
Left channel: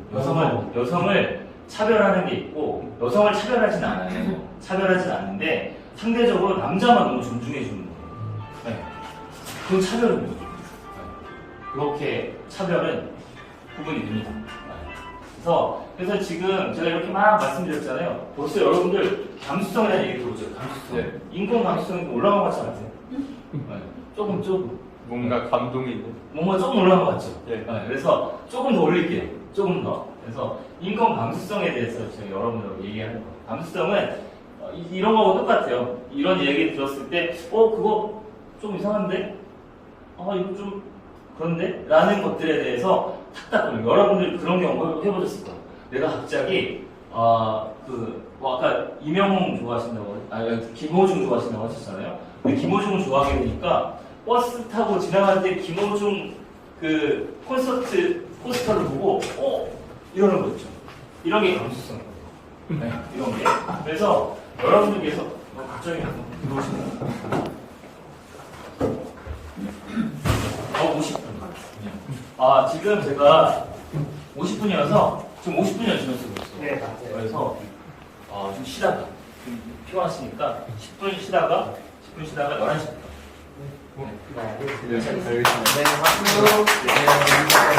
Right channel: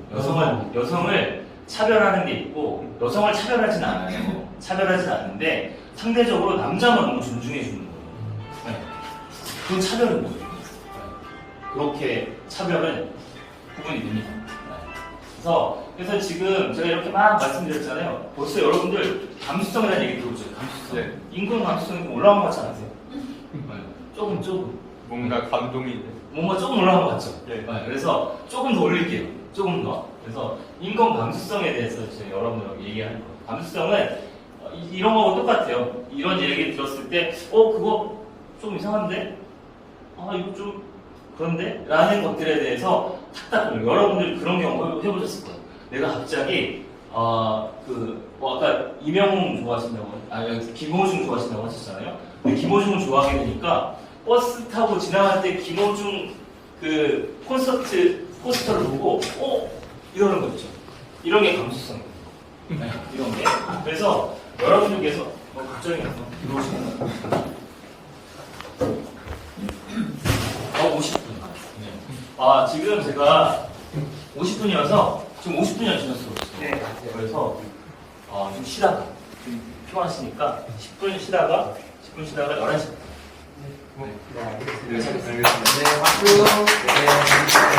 여성을 차별하는 게 있고 여성을 차별하진 않아요. 차별하진 않는데 상대적으로 남자만 너무 존중해 주는 거예요. 네. 그건 차별인 거예요. 그렇게 차별은 구분이 됩니다. 그래서 지금 제가 이렇게 막 말씀드렸잖아요. 벌써 여러분들 감수성이라는 얘기 들어오죠. 감수성. 네. 인권 감수성이 올라온 것 같지 않으세요? 조금. 뭔가 감동이 있네. 뭔가 조금 올라간 것 같죠? 네. 그래서 조금 더 올릴게요. 조금 더. 그래서 인권 감수성에 대해서 제가 여러분들하고 얘기하는 거예요. 감수성은 이런 거하고 똑같아요. 이런 얘기 들었을 때, 그거 좀 이상한데? 이거 좀 그런데? 라는 것들에 대해서 착각을 여러분들 그런 경우 해보셨을 거예요. 내가 갑자기 아까 이명웅 좋아하신다고 김호중 좋아하신다고 하셨잖아요. 근데 김호중을 좋아하게 되니까 버스 타고 지나갈 때 김호중 그 콘서트 포스터를 보고 이러는 거 있죠. 이런 게 감수성이에요. 네, 이런 게. 그래서 여러분들께서 갑자기 들어오시는 거예요. 50분. 지금 제가 50분이어서 지금 50분이 지났어요. 네, 맞아요. 그래서 좀 쉬다가 좀 피곤하시니까 10분 쉬다가 10분 쉬다가 11시. 네, 알겠습니다. 네, 박수.